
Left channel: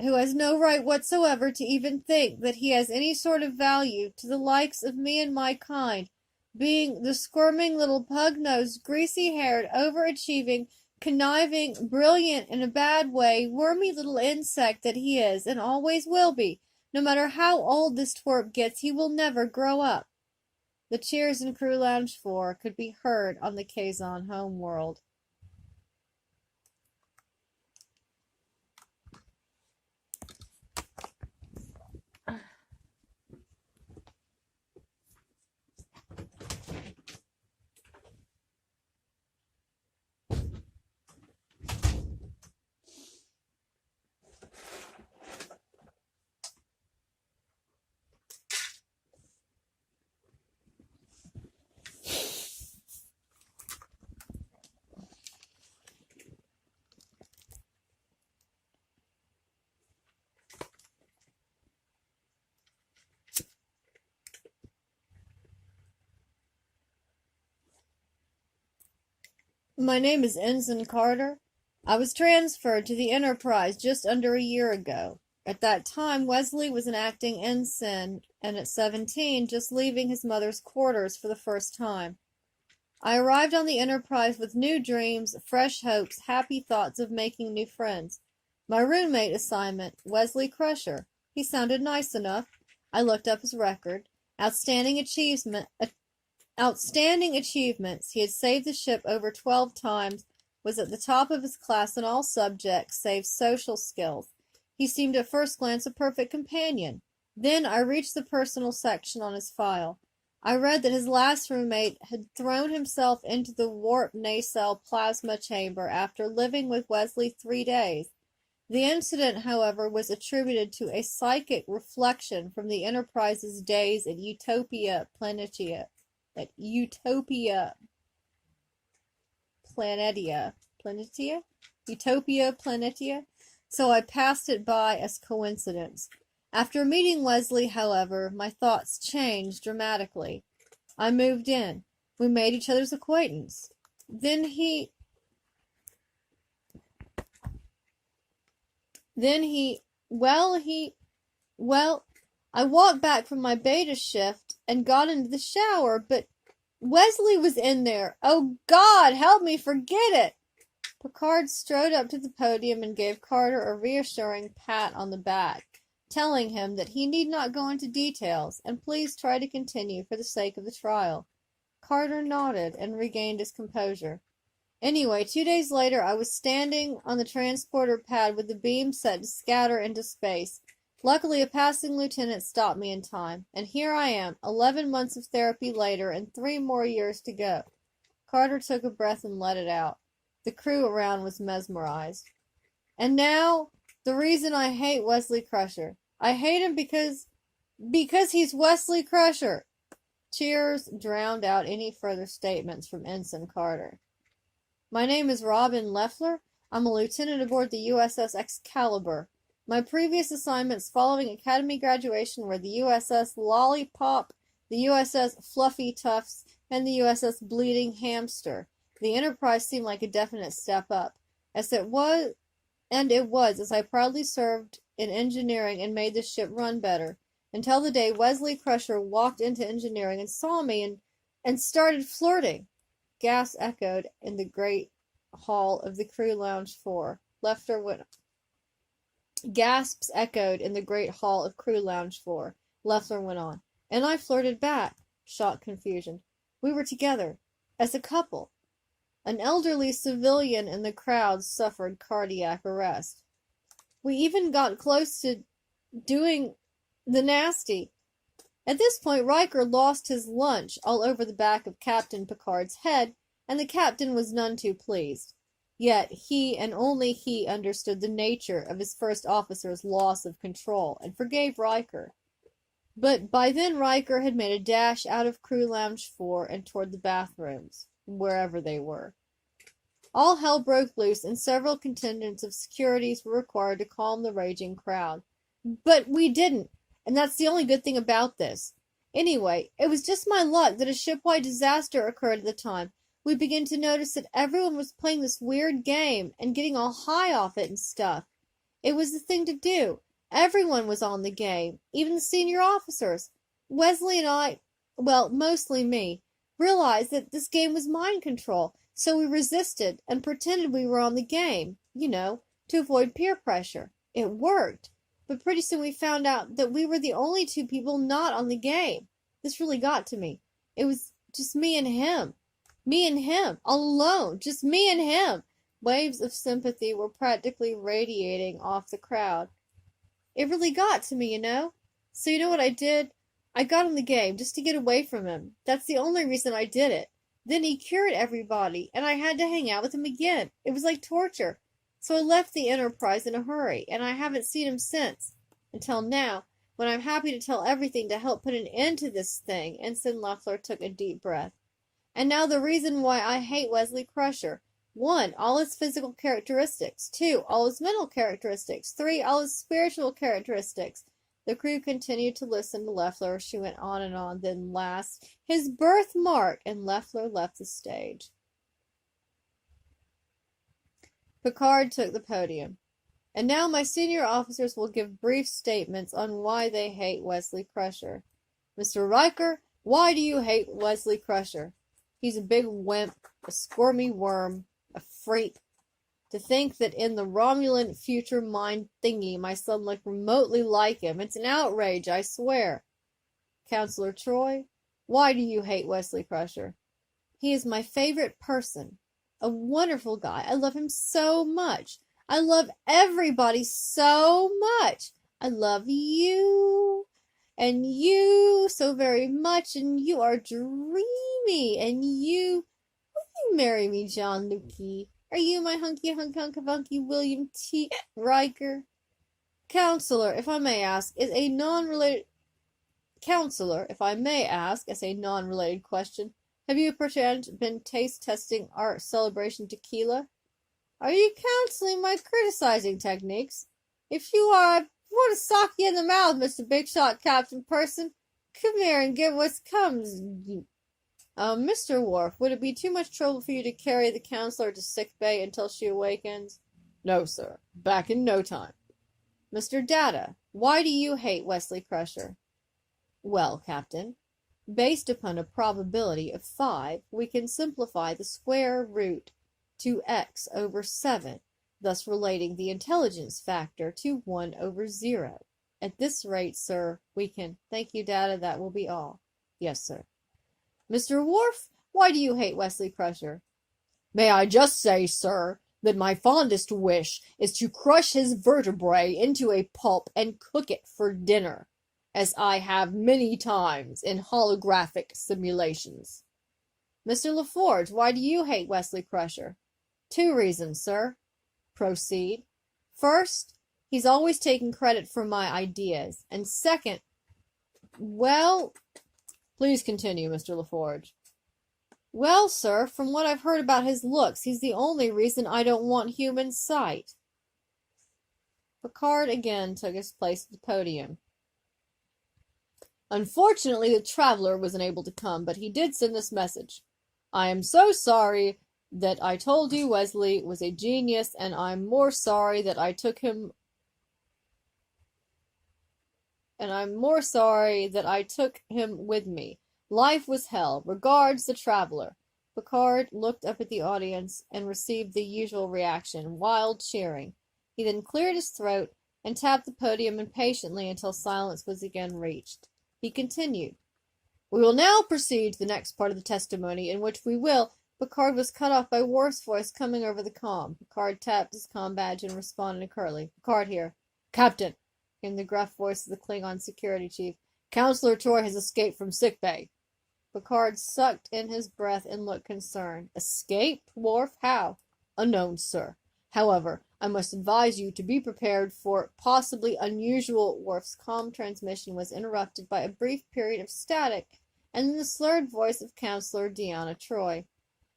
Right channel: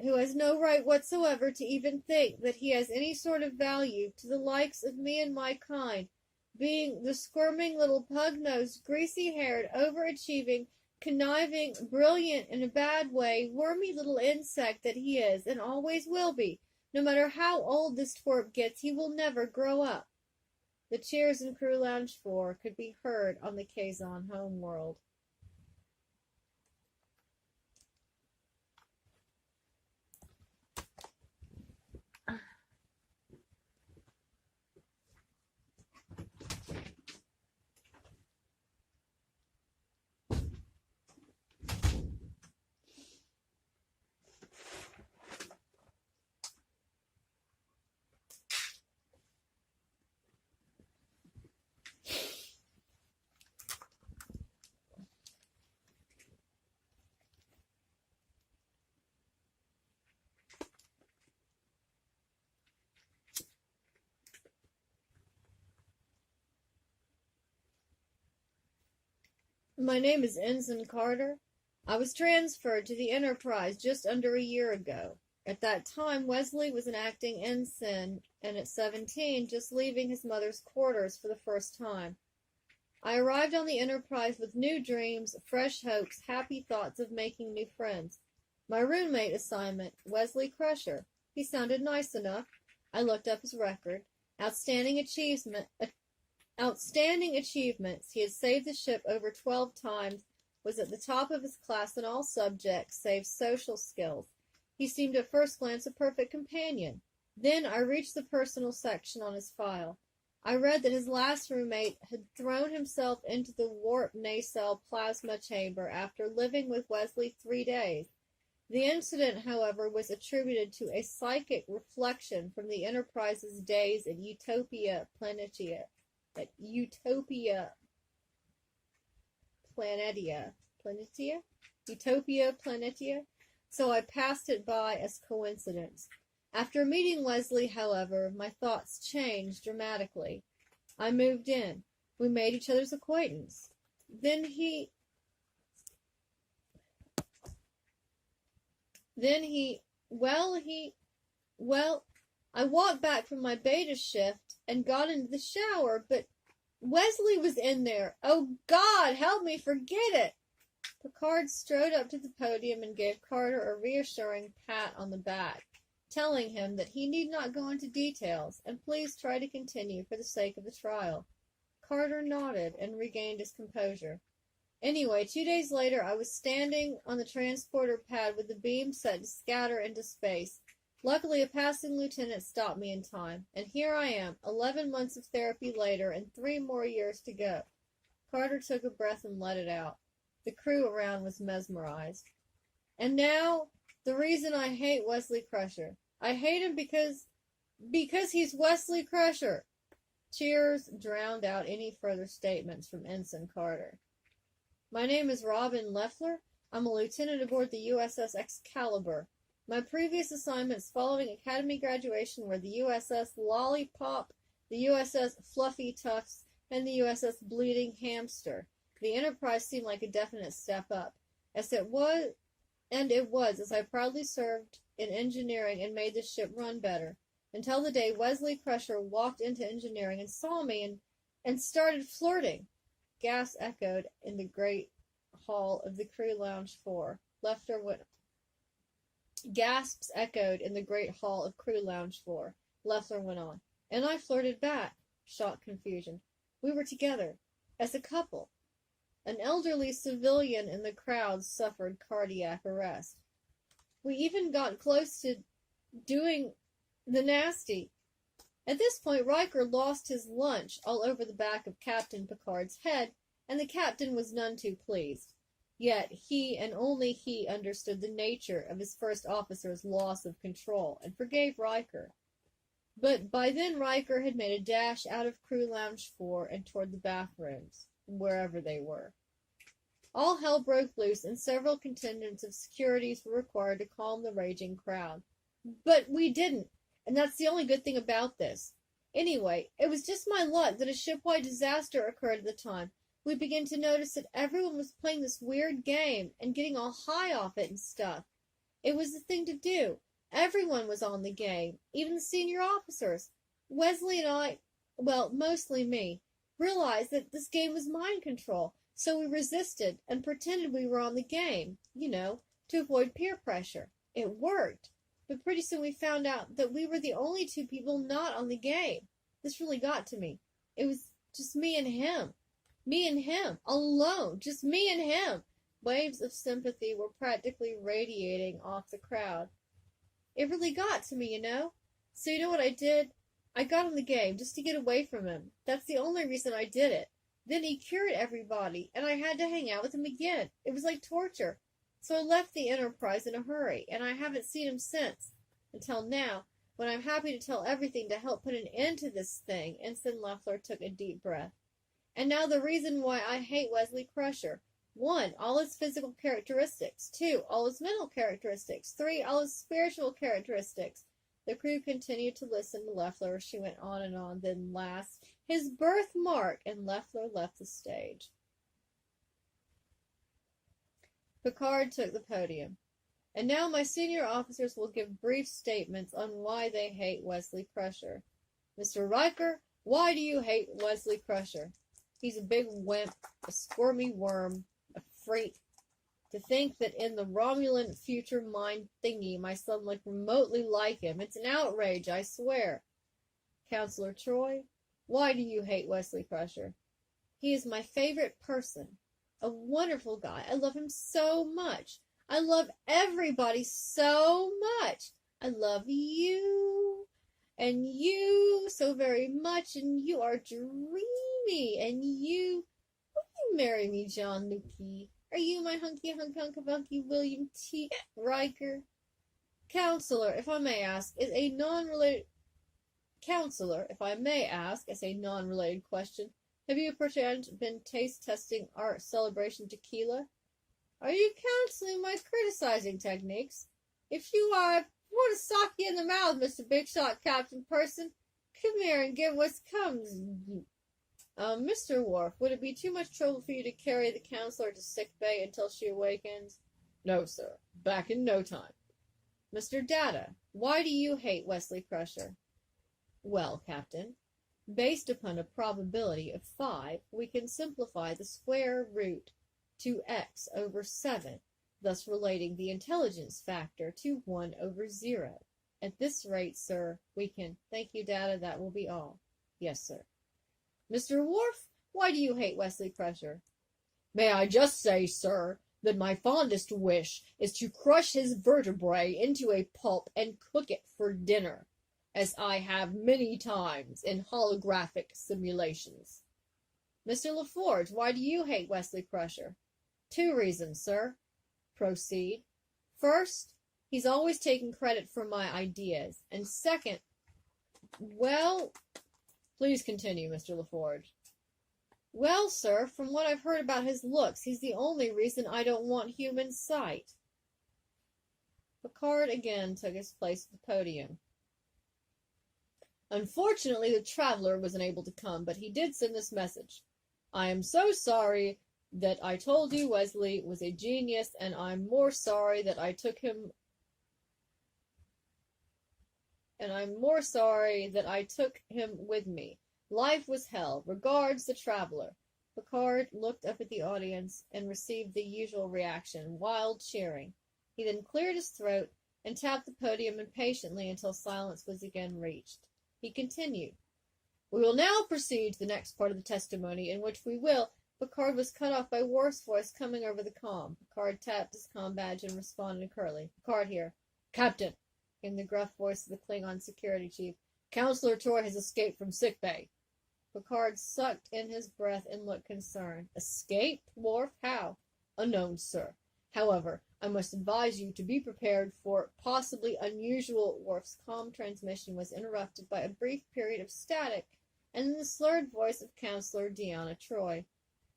who has no right whatsoever to even think that he has any sort of value to the likes of me and my kind, being the squirming little pug-nosed, greasy-haired, overachieving, conniving, brilliant in a bad way, wormy little insect that he is, and always will be. No matter how old this twerp gets, he will never grow up. The cheers in Crew Lounge 4 could be heard on the Kazon homeworld. My name is Ensign Carter. I was transferred to the Enterprise just under a year ago. At that time, Wesley was an acting ensign, and at 17, just leaving his mother's quarters for the first time. I arrived on the Enterprise with new dreams, fresh hopes, happy thoughts of making new friends. My roommate assignment, Wesley Crusher. He sounded nice enough. I looked up his record. Outstanding achievements. He had saved the ship over 12 times, was at the top of his class in all subjects save social skills. He seemed at first glance a perfect companion. Then I reached the personal section on his file. I read that his last roommate had thrown himself into the warp nacelle plasma chamber after living with Wesley 3 days. The incident, however, was attributed to a psychic reflection from the Enterprise's days at Utopia Planitia. Utopia Planitia, so I passed it by as coincidence. After meeting Wesley, however, my thoughts changed dramatically. I moved in. We made each other's acquaintance. Then he Then well, I walked back from my beta shift and got into the shower, but Wesley was in there. Oh God, help me forget it! Picard strode up to the podium and gave Carter a reassuring pat on the back, telling him that he need not go into details, and please try to continue for the sake of the trial. Carter nodded and regained his composure. Anyway, 2 days later, I was standing on the transporter pad with the beam set to scatter into space. Luckily, a passing lieutenant stopped me in time, and here I am, 11 months of therapy later, and 3 more years to go. Carter took a breath and let it out. The crew around was mesmerized. And now, the reason I hate Wesley Crusher. I hate him because he's Wesley Crusher. Cheers drowned out any further statements from Ensign Carter. My name is Robin Leffler. I'm a lieutenant aboard the USS Excalibur. My previous assignments following Academy graduation were the USS Lollipop, the USS Fluffy Tufts, and the USS Bleeding Hamster. The Enterprise seemed like a definite step up, as it was, as I proudly served in engineering and made the ship run better, until the day Wesley Crusher walked into engineering and saw me and started flirting. Gasps echoed in the great hall of the crew lounge 4. Gasps echoed in the great hall of crew lounge 4. Leffler went on. And I flirted back. Shocked confusion. We were together. As a couple. An elderly civilian in the crowd suffered cardiac arrest. We even got close to doing the nasty. At this point, Riker lost his lunch all over the back of Captain Picard's head, and the captain was none too pleased. Yet he and only he understood the nature of his first officer's loss of control and forgave Riker. But by then Riker had made a dash out of Crew Lounge 4 and toward the bathrooms, wherever they were. All hell broke loose and several contingents of securities were required to calm the raging crowd. But we didn't, and that's the only good thing about this. Anyway, it was just my luck that a shipwide disaster occurred at the time. We began to notice that everyone was playing this weird game and getting all high off it and stuff. It was the thing to do. Everyone was on the game, even the senior officers. Wesley and I, well, mostly me, realized that this game was mind control, so we resisted and pretended we were on the game, to avoid peer pressure. It worked. But pretty soon we found out that we were the only 2 people not on the game. This really got to me. It was just me and him. Me and him, all alone, just me and him. Waves of sympathy were practically radiating off the crowd. It really got to me, So you know what I did? I got on the game just to get away from him. That's the only reason I did it. Then he cured everybody, and I had to hang out with him again. It was like torture. So I left the Enterprise in a hurry, and I haven't seen him since. Until now, when I'm happy to tell everything to help put an end to this thing. Ensign Leffler took a deep breath. And now the reason why I hate Wesley Crusher. 1, all his physical characteristics. 2, all his mental characteristics. 3, all his spiritual characteristics. The crew continued to listen to Leffler as she went on and on. Then last, his birthmark, and Leffler left the stage. Picard took the podium. And now my senior officers will give brief statements on why they hate Wesley Crusher. Mr. Riker, why do you hate Wesley Crusher? He's a big wimp, a squirmy worm, a freak. To think that in the Romulan future mind thingy my son looked remotely like him. It's an outrage, I swear. Counselor Troy, why do you hate Wesley Crusher? He is my favorite person. A wonderful guy. I love him so much. I love everybody so much. I love you. And you so very much. And you are dreamy. And will you marry me, John Lukey? Are you my hunky William T. Riker? Counselor, if I may ask, as a non-related question, have you perchance been taste testing our celebration tequila? Are you counseling my criticizing techniques? If you are, I want to sock you in the mouth, Mr. Big Shot Captain Person. Come here and get what comes. Mr. Worf, would it be too much trouble for you to carry the counselor to sick bay until she awakens? No, sir. Back in no time. Mr. Data, why do you hate Wesley Crusher? Well, Captain, based upon a probability of 5, we can simplify the square root to x over 7, thus relating the intelligence factor to 1 over 0. At this rate, sir, we can... Thank you, Data, that will be all. Yes, sir. Mr. Worf, why do you hate Wesley Crusher? May I just say, sir, that my fondest wish is to crush his vertebrae into a pulp and cook it for dinner, as I have many times in holographic simulations. Mr. LaForge, why do you hate Wesley Crusher? 2 reasons, sir. Proceed. First, he's always taking credit for my ideas, and second, well... Please continue, Mr. LaForge. Well, sir, from what I've heard about his looks, he's the only reason I don't want human sight. Picard again took his place at the podium. Unfortunately, the traveler wasn't able to come, but he did send this message. I am so sorry that I told you Wesley was a genius, and I'm more sorry that I took him... with me. Life was hell. Regards, the traveler. Picard looked up at the audience and received the usual reaction, wild cheering. He then cleared his throat and tapped the podium impatiently until silence was again reached. He continued, We will now proceed to the next part of the testimony, in which we will... Picard was cut off by Worf's voice coming over the comm. Picard tapped his comm badge and responded curtly. Picard here. Captain, came the gruff voice of the Klingon security chief. Counselor Troy has escaped from sickbay. Picard sucked in his breath and looked concerned. Escaped? Worf? How? Unknown, sir. However, I must advise you to be prepared for possibly unusual... Worf's comm transmission was interrupted by a brief period of static, and then the slurred voice of Counselor Deanna Troy.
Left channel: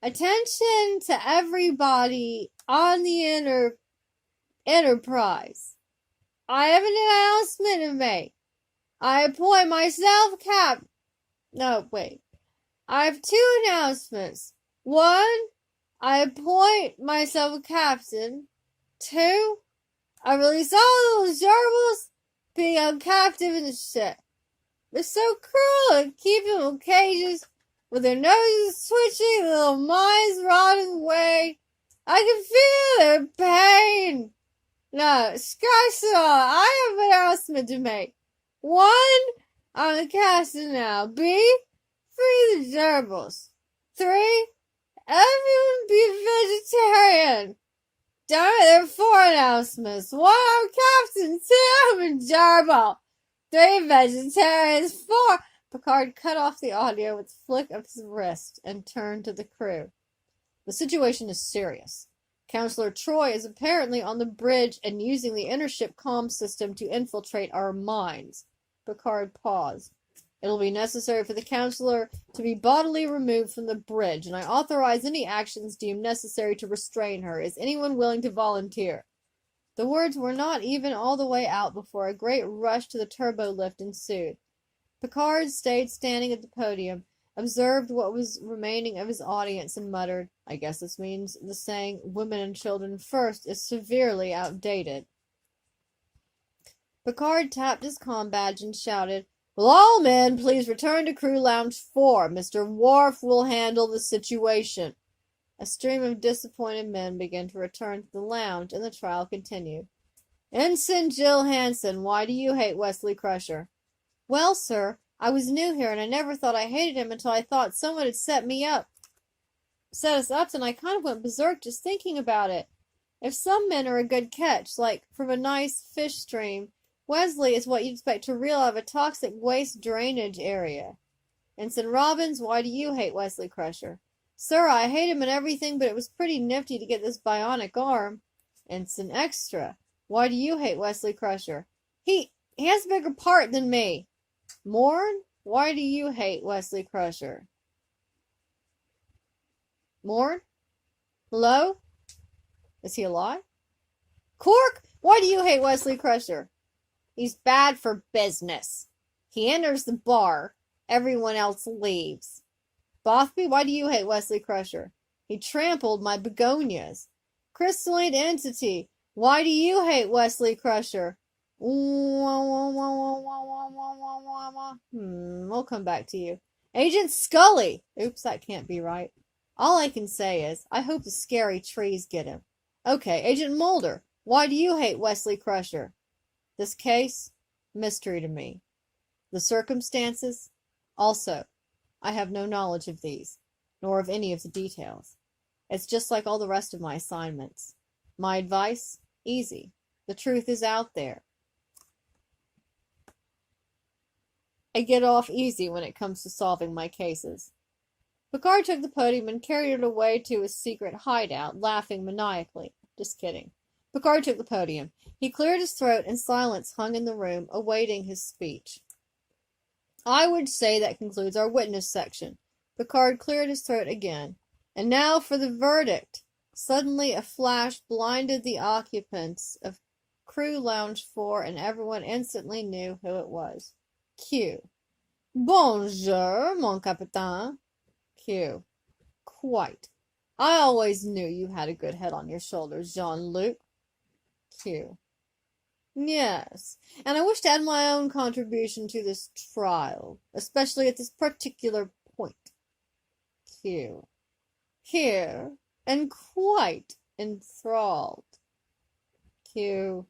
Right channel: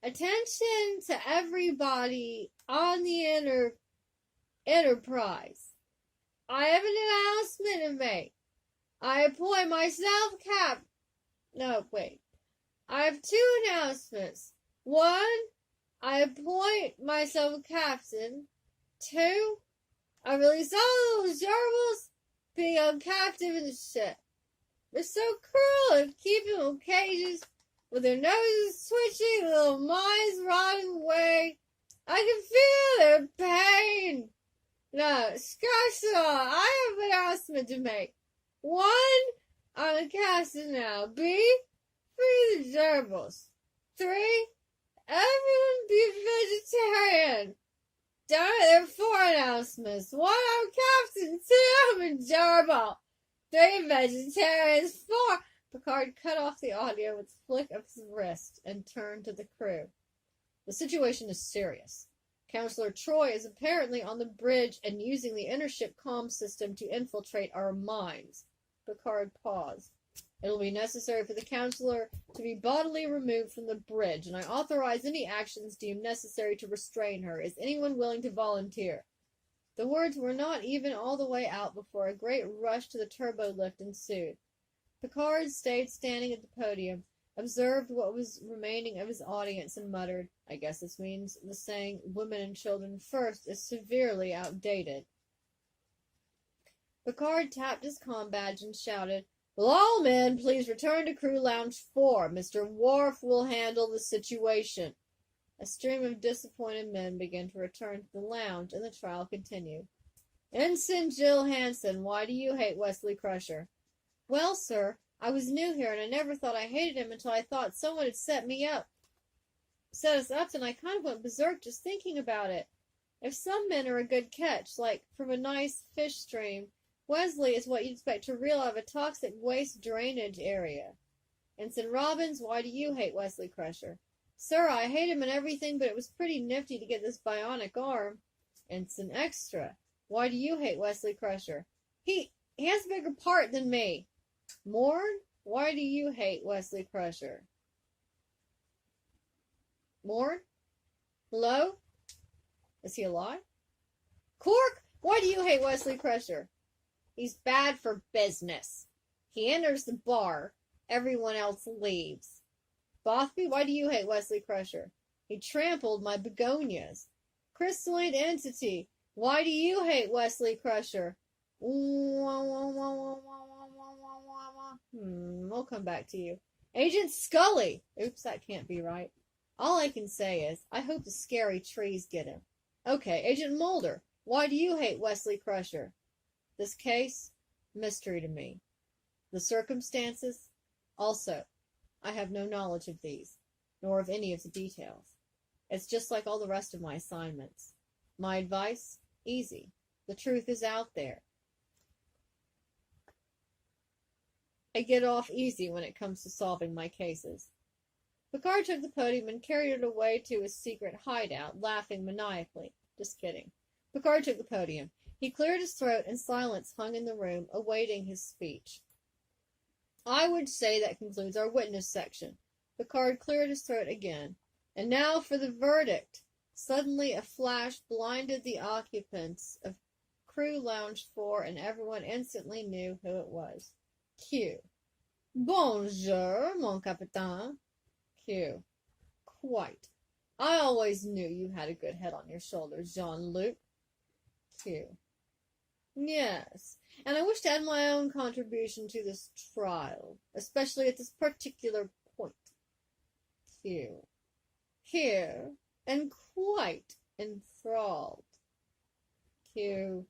Attention to everybody on the Enterprise. I have an announcement to make. I appoint myself I have 2 announcements. 1, I appoint myself a captain. 2, I release all those gerbils being held captive in the ship. They're so cruel and keep them in cages with their noses twitching, little minds rotting away. I can feel their pain. No, scratch it all. I have an announcement to make. 1, I'm a captain now. B, free the gerbils. 3, everyone be vegetarian. Damn it, there are 4 announcements. 1, I'm captain. 2, I'm a gerbil. 3, vegetarians. 4. Picard cut off the audio with a flick of his wrist and turned to the crew. The situation is serious. Counselor Troy is apparently on the bridge and using the intership comm system to infiltrate our minds. Picard paused. It will be necessary for the counselor to be bodily removed from the bridge, and I authorize any actions deemed necessary to restrain her. Is anyone willing to volunteer? The words were not even all the way out before a great rush to the turbo lift ensued. Picard stayed standing at the podium, observed what was remaining of his audience, and muttered, I guess this means the saying, women and children first, is severely outdated. Picard tapped his comm badge and shouted, Will all men please return to Crew Lounge 4? Mr. Worf will handle the situation. A stream of disappointed men began to return to the lounge, and the trial continued. Ensign Jill Hansen, why do you hate Wesley Crusher? Well, sir, I was new here, and I never thought I hated him until I thought someone had set us up, and I kind of went berserk just thinking about it. If some men are a good catch, like from a nice fish stream, Wesley is what you'd expect to reel out of a toxic waste drainage area. Ensign Robbins, why do you hate Wesley Crusher? Sir, I hate him and everything, but it was pretty nifty to get this bionic arm. Ensign Extra, why do you hate Wesley Crusher? He has a bigger part than me. Morn, why do you hate Wesley Crusher? Morn? Hello? Is he alive? Quark, why do you hate Wesley Crusher? He's bad for business. He enters the bar. Everyone else leaves. Bothby, why do you hate Wesley Crusher? He trampled my begonias. Crystalline Entity, why do you hate Wesley Crusher? We'll come back to you. Agent Scully! Oops, that can't be right. All I can say is, I hope the scary trees get him. Okay, Agent Mulder, why do you hate Wesley Crusher? This case? Mystery to me. The circumstances? Also, I have no knowledge of these, nor of any of the details. It's just like all the rest of my assignments. My advice? Easy. The truth is out there. I get off easy when it comes to solving my cases. Picard took the podium and carried it away to his secret hideout, laughing maniacally. Just kidding. Picard took the podium. He cleared his throat, and silence hung in the room, awaiting his speech. I would say that concludes our witness section. Picard cleared his throat again. And now for the verdict. Suddenly a flash blinded the occupants of Crew Lounge 4, and everyone instantly knew who it was. Q. Bonjour, mon capitaine. Q. Quite. I always knew you had a good head on your shoulders, Jean-Luc. Q. Yes, and I wish to add my own contribution to this trial, especially at this particular point. Q. Here, and quite enthralled. Q.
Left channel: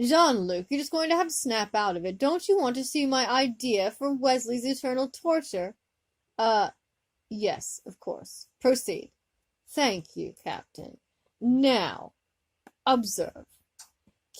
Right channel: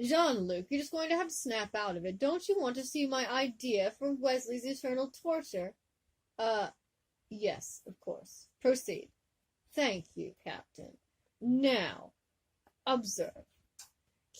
Jean-Luc, you're just going to have to snap out of it. Don't you want to see my idea for Wesley's eternal torture? Yes, of course. Proceed. Thank you, Captain. Now, observe.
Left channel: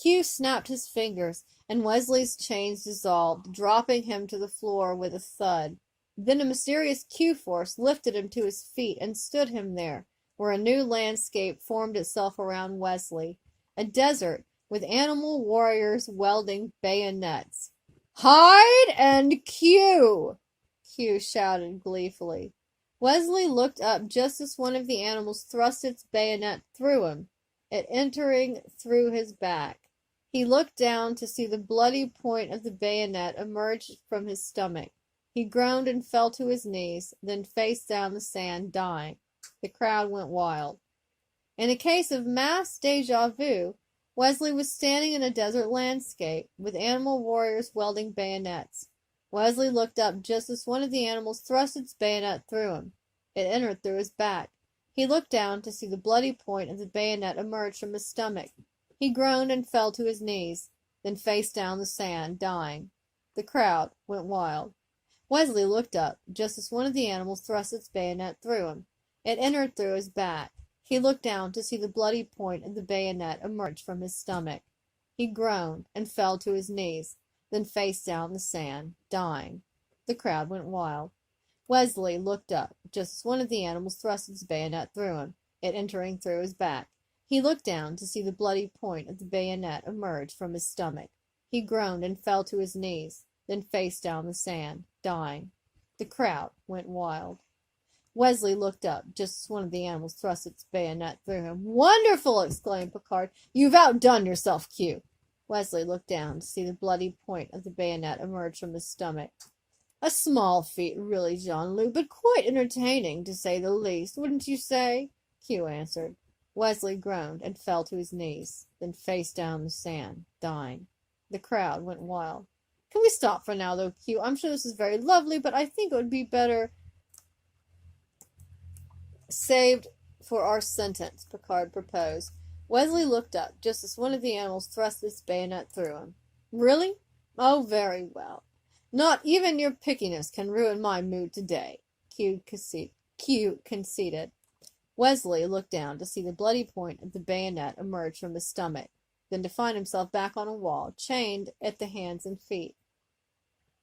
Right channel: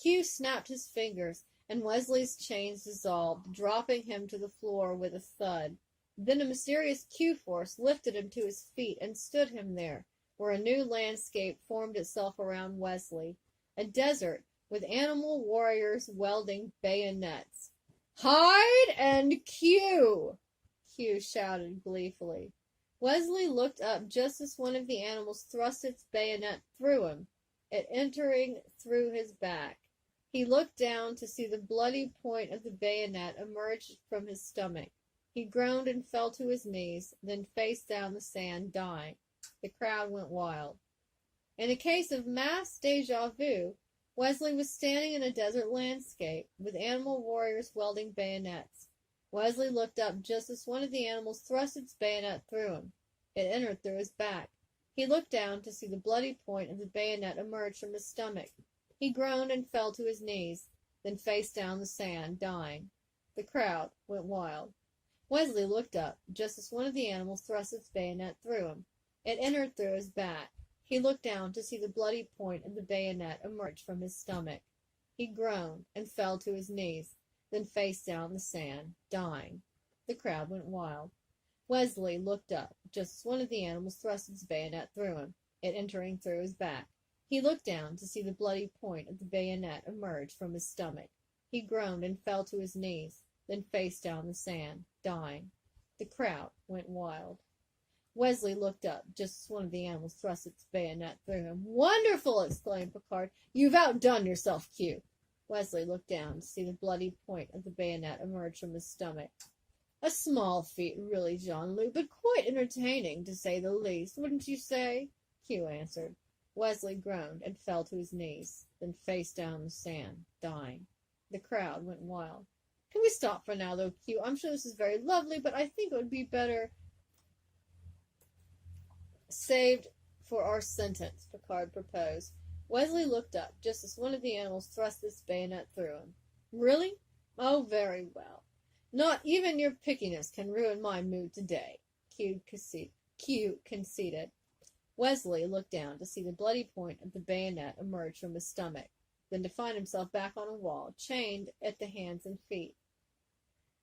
Q snapped his fingers, and Wesley's chains dissolved, dropping him to the floor with a thud. Then a mysterious Q-force lifted him to his feet and stood him there, where a new landscape formed itself around Wesley. A desert, with animal warriors wielding bayonets. Hide and Q! Q shouted gleefully. Wesley looked up just as one of the animals thrust its bayonet through him, it entering through his back. He looked down to see the bloody point of the bayonet emerge from his stomach. He groaned and fell to his knees, then face down the sand, dying. The crowd went wild. In a case of mass déjà vu, Wesley was standing in a desert landscape, with animal warriors wielding bayonets. Wesley looked up just as one of the animals thrust its bayonet through him. It entered through his back. He looked down to see the bloody point of the bayonet emerge from his stomach. He groaned and fell to his knees, then face down the sand, dying. The crowd went wild. Wesley looked up just as one of the animals thrust its bayonet through him. It entered through his back. He looked down to see the bloody point of the bayonet emerge from his stomach. He groaned and fell to his knees, then face down the sand, dying. The crowd went wild. Wesley looked up just as one of the animals thrust its bayonet through him, it entering through his back. He looked down to see the bloody point of the bayonet emerge from his stomach. He groaned and fell to his knees, then face down the sand, dying. The crowd went wild. Wesley looked up just as one of the animals thrust its bayonet through him. Wonderful! Exclaimed Picard. You've outdone yourself, Q. Wesley looked down to see the bloody point of the bayonet emerge from his stomach. A small feat, really, Jean-Luc, but quite entertaining, to say the least, wouldn't you say? Q answered. Wesley groaned and fell to his knees, then face down the sand, dying. The crowd went wild. Can we stop for now, though, Q? I'm sure this is very lovely, but I think it would be better saved for our sentence, Picard proposed. Wesley looked up, just as one of the animals thrust its bayonet through him. Really? Oh, very well. Not even your pickiness can ruin my mood today, Q conceded. Wesley looked down to see the bloody point of the bayonet emerge from his stomach, then to find himself back on a wall, chained at the hands and feet.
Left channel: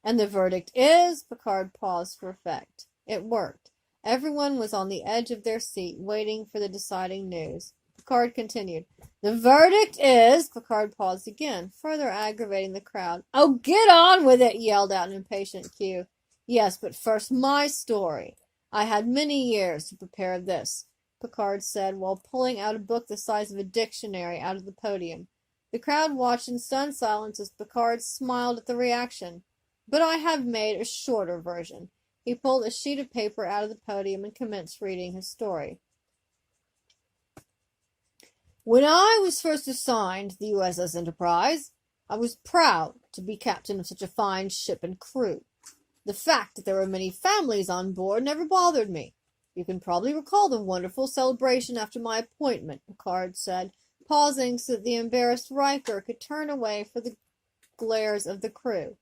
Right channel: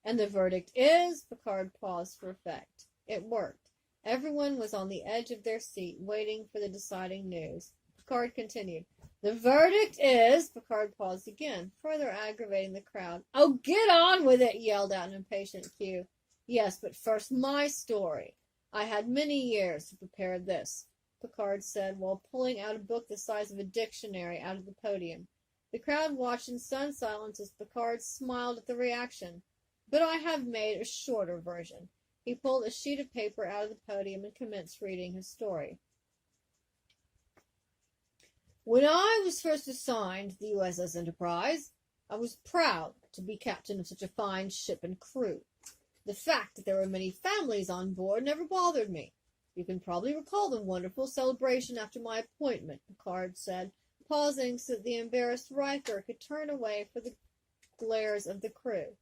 And the verdict is, Picard paused for effect. It worked. Everyone was on the edge of their seat, waiting for the deciding news. Picard continued. The verdict is, Picard paused again, further aggravating the crowd. Oh, get on with it, yelled out an impatient Q. Yes, but first my story. I had many years to prepare this, Picard said, while pulling out a book the size of a dictionary out of the podium. The crowd watched in stunned silence as Picard smiled at the reaction. But I have made a shorter version. He pulled a sheet of paper out of the podium and commenced reading his story. When I was first assigned to the USS Enterprise, I was proud to be captain of such a fine ship and crew. The fact that there were many families on board never bothered me. You can probably recall the wonderful celebration after my appointment, Picard said, pausing so that the embarrassed Riker could turn away for the glares of the crew.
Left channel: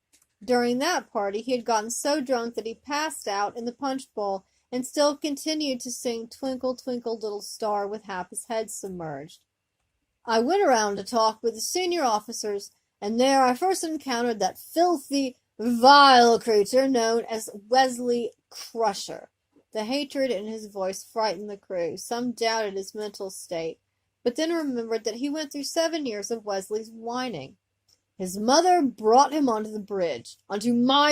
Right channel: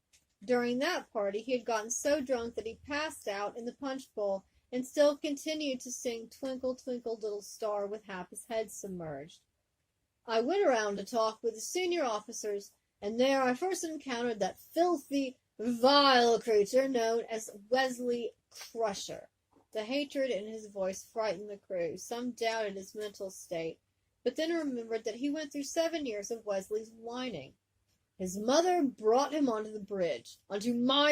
During that party, he had gotten so drunk that he passed out in the punch bowl and still continued to sing Twinkle, Twinkle, Little Star with half his head submerged. I went around to talk with the senior officers, and there I first encountered that filthy, vile creature known as Wesley Crusher. The hatred in his voice frightened the crew. Some doubted his mental state, but then remembered that he went through 7 years of Wesley's whining. His mother brought him onto my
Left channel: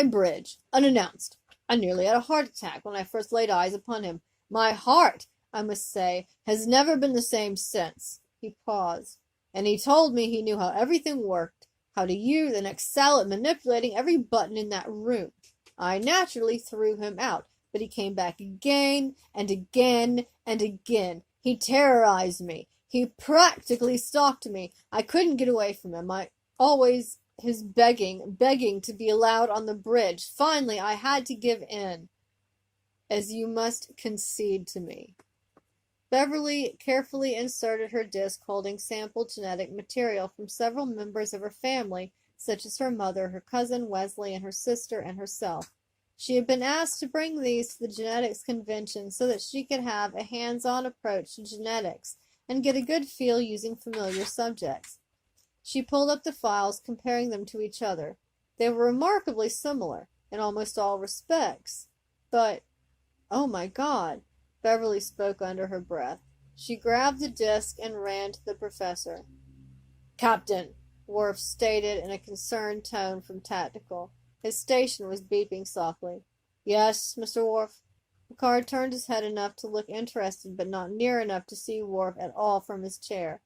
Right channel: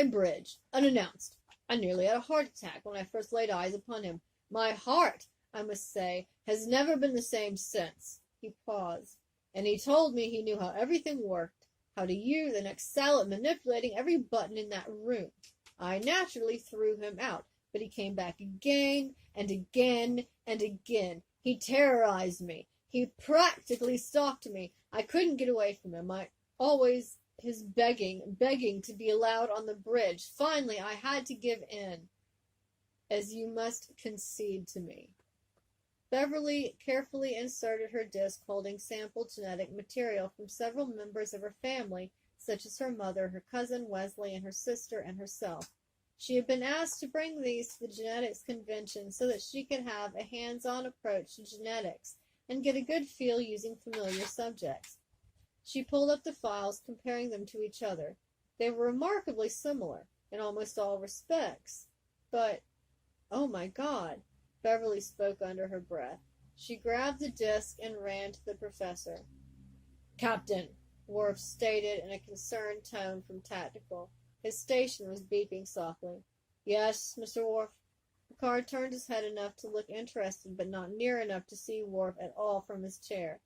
bridge, unannounced. I nearly had a heart attack when I first laid eyes upon him. My heart, I must say, has never been the same since. He paused, and he told me he knew how everything worked, how to use and excel at manipulating every button in that room. I naturally threw him out, but he came back again and again and again. He terrorized me. He practically stalked me. I couldn't get away from him. Always his begging to be allowed on the bridge. Finally, I had to give in, as you must concede to me. Beverly carefully inserted her disc holding sample genetic material from several members of her family, such as her mother, her cousin Wesley, and her sister and herself. She had been asked to bring these to the genetics convention so that she could have a hands-on approach to genetics and get a good feel using familiar subjects. She pulled up the files, comparing them to each other. They were remarkably similar in almost all respects. But, oh my God, Beverly spoke under her breath. She grabbed the disc and ran to the professor. Captain, Worf stated in a concerned tone from Tactical. His station was beeping softly. Yes, Mr. Worf? Picard turned his head enough to look interested, but not near enough to see Worf at all from his chair.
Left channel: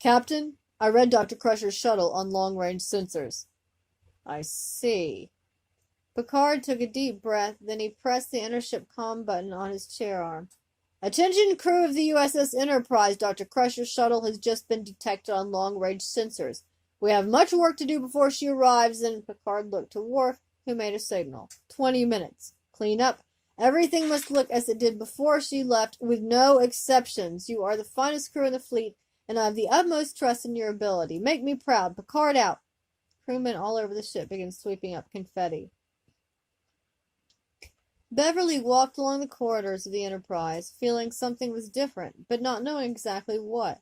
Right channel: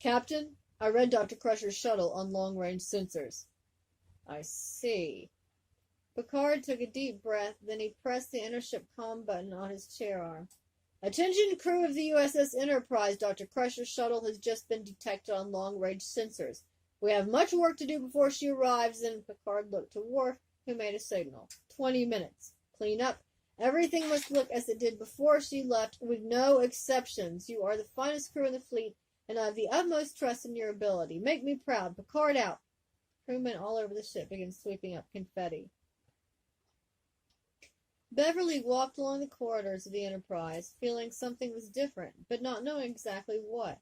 Captain, I read Dr. Crusher's shuttle on long-range sensors. I see. Picard took a deep breath, then he pressed the intership comm button on his chair arm. Attention crew of the USS Enterprise, Dr. Crusher's shuttle has just been detected on long-range sensors. We have much work to do before she arrives, and Picard looked to Worf, who made a signal. 20 minutes. Clean up. Everything must look as it did before she left, with no exceptions. You are the finest crew in the fleet, and I have the utmost trust in your ability. Make me proud. Picard out. Crewmen all over the ship began sweeping up confetti. Beverly walked along the corridors of the Enterprise, feeling something was different, but not knowing exactly what.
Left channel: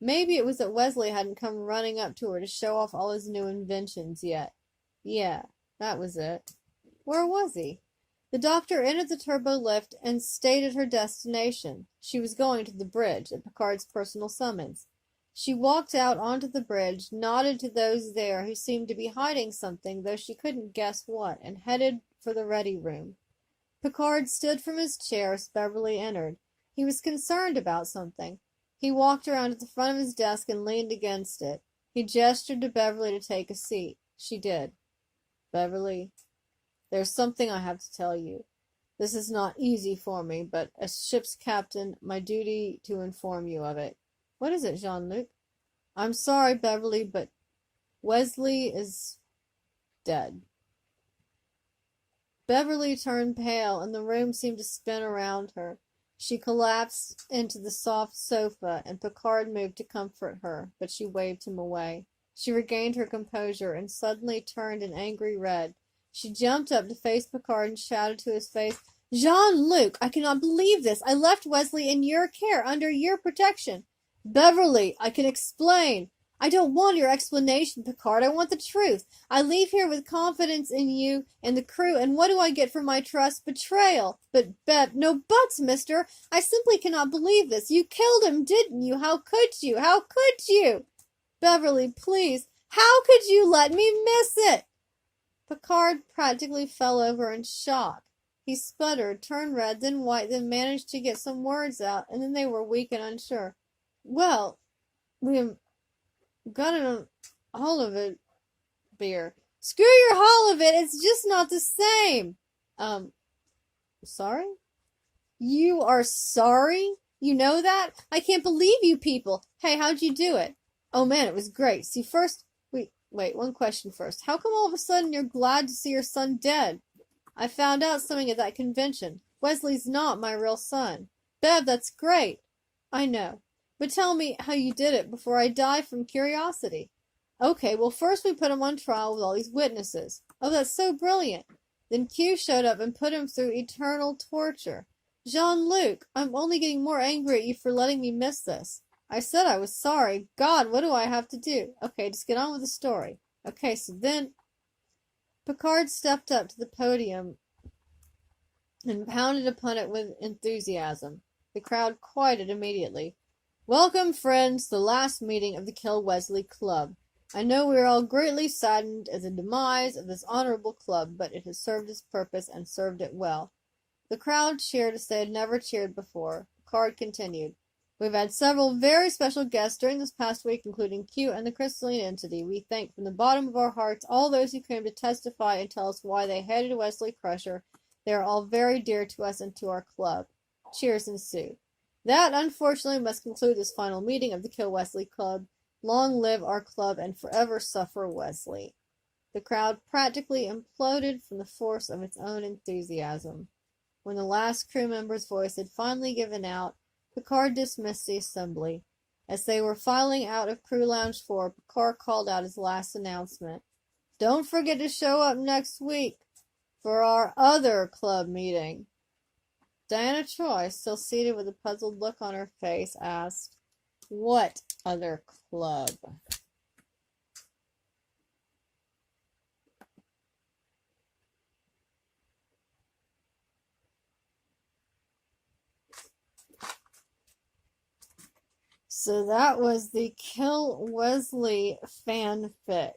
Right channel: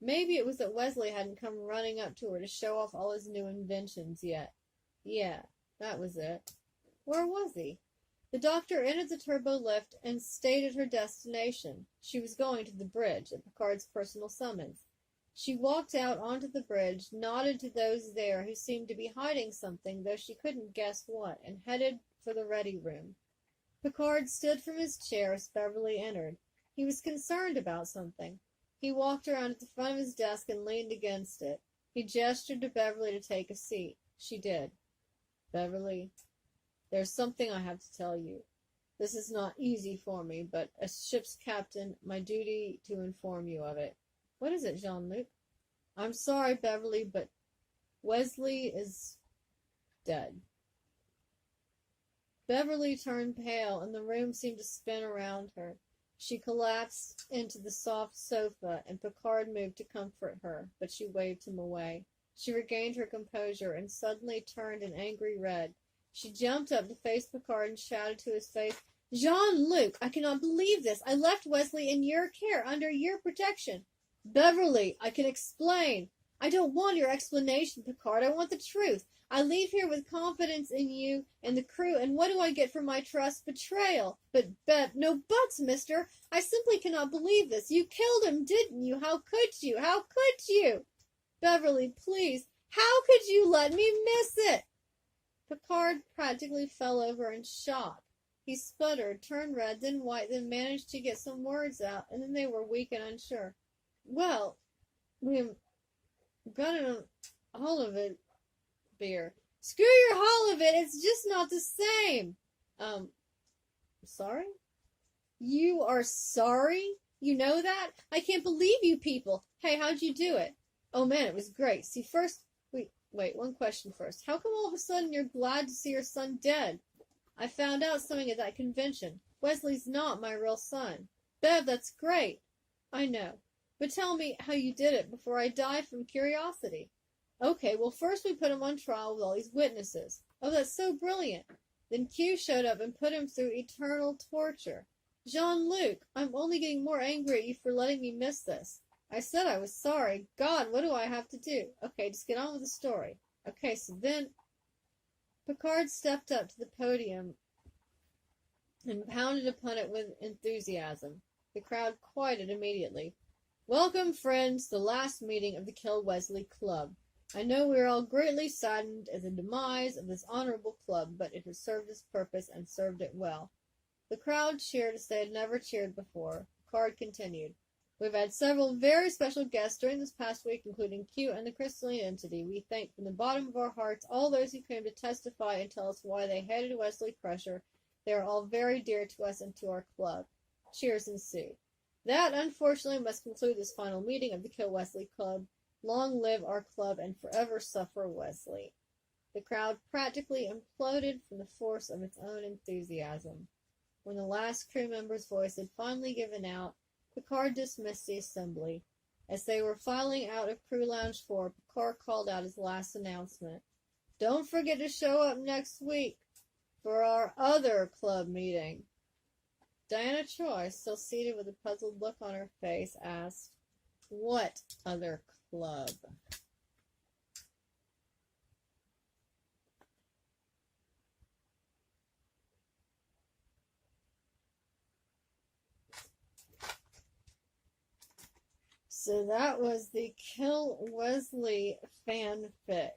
Maybe it was that Wesley hadn't come running up to her to show off all his new inventions yet. Yeah, that was it. Where was he? The doctor entered the turbo lift and stated her destination. She was going to the bridge, at Picard's personal summons. She walked out onto the bridge, nodded to those there who seemed to be hiding something, though she couldn't guess what, and headed for the ready room. Picard stood from his chair as Beverly entered. He was concerned about something. He walked around to the front of his desk and leaned against it. He gestured to Beverly to take a seat. She did. Beverly, there's something I have to tell you. This is not easy for me, but as ship's captain, my duty to inform you of it. What is it, Jean-Luc? I'm sorry, Beverly, but Wesley is dead. Beverly turned pale, and the room seemed to spin around her. She collapsed into the soft sofa, and Picard moved to comfort her, but she waved him away. She regained her composure and suddenly turned an angry red. She jumped up to face Picard and shouted to his face, Jean-Luc, I cannot believe this. I left Wesley in your care, under your protection. Beverly, I can explain. I don't want your explanation, Picard. I want the truth. I leave here with confidence in you and the crew, and what do I get for my trust? Betrayal. But, no buts, mister. I simply cannot believe this. You killed him, didn't you? How could you? How could you? Beverly, please. How could you let me miss it? Picard practically fell over in shock. He sputtered, turned red, then white, then managed to get some words out, and then they were weak and unsure. Well, we got a hull of it, beer. Screw your hull of it, it's just not the same. Sorry? You are sorry? You know that? I can't believe you people. Hey, how'd you do it? Oh man, it was great. See, first, Wait, one question first. How come all of a sudden you're glad to see your son dead? I found out something at that convention. Wesley's not my real son. Bev, that's great. I know. But tell me how you did it before I die from curiosity. Okay, well first we put him on trial with all these witnesses. Oh, that's so brilliant. Then Q showed up and put him through eternal torture. Jean-Luc, I'm only getting more angry at you for letting me miss this. I said I was sorry. God, what do I have to do? Okay, just get on with the story. Okay, so then Picard stepped up to the podium and pounded upon it with enthusiasm. The crowd quieted immediately. Welcome, friends, to the last meeting of the Kill Wesley Club. I know we are all greatly saddened at the demise of this honorable club, but it has served its purpose and served it well. The crowd cheered as they had never cheered before. Picard continued. We've had several very special guests during this past week, including Q and the crystalline entity. We thank from the bottom of our hearts all those who came to testify and tell us why they hated Wesley Crusher. They are all very dear to us and to our club. Cheers ensued. That, unfortunately, must conclude this final meeting of the Kill Wesley Club. Long live our club and forever suffer Wesley. The crowd practically imploded from the force of its own enthusiasm. When the last crew member's voice had finally given out, Picard dismissed the assembly. As they were filing out of Crew Lounge 4, Picard called out his last announcement. Don't forget to show up next week for our other club meeting. Diana Troy, still seated with a puzzled look on her face, asked, What other club? So that was the Kill Wesley fanfic.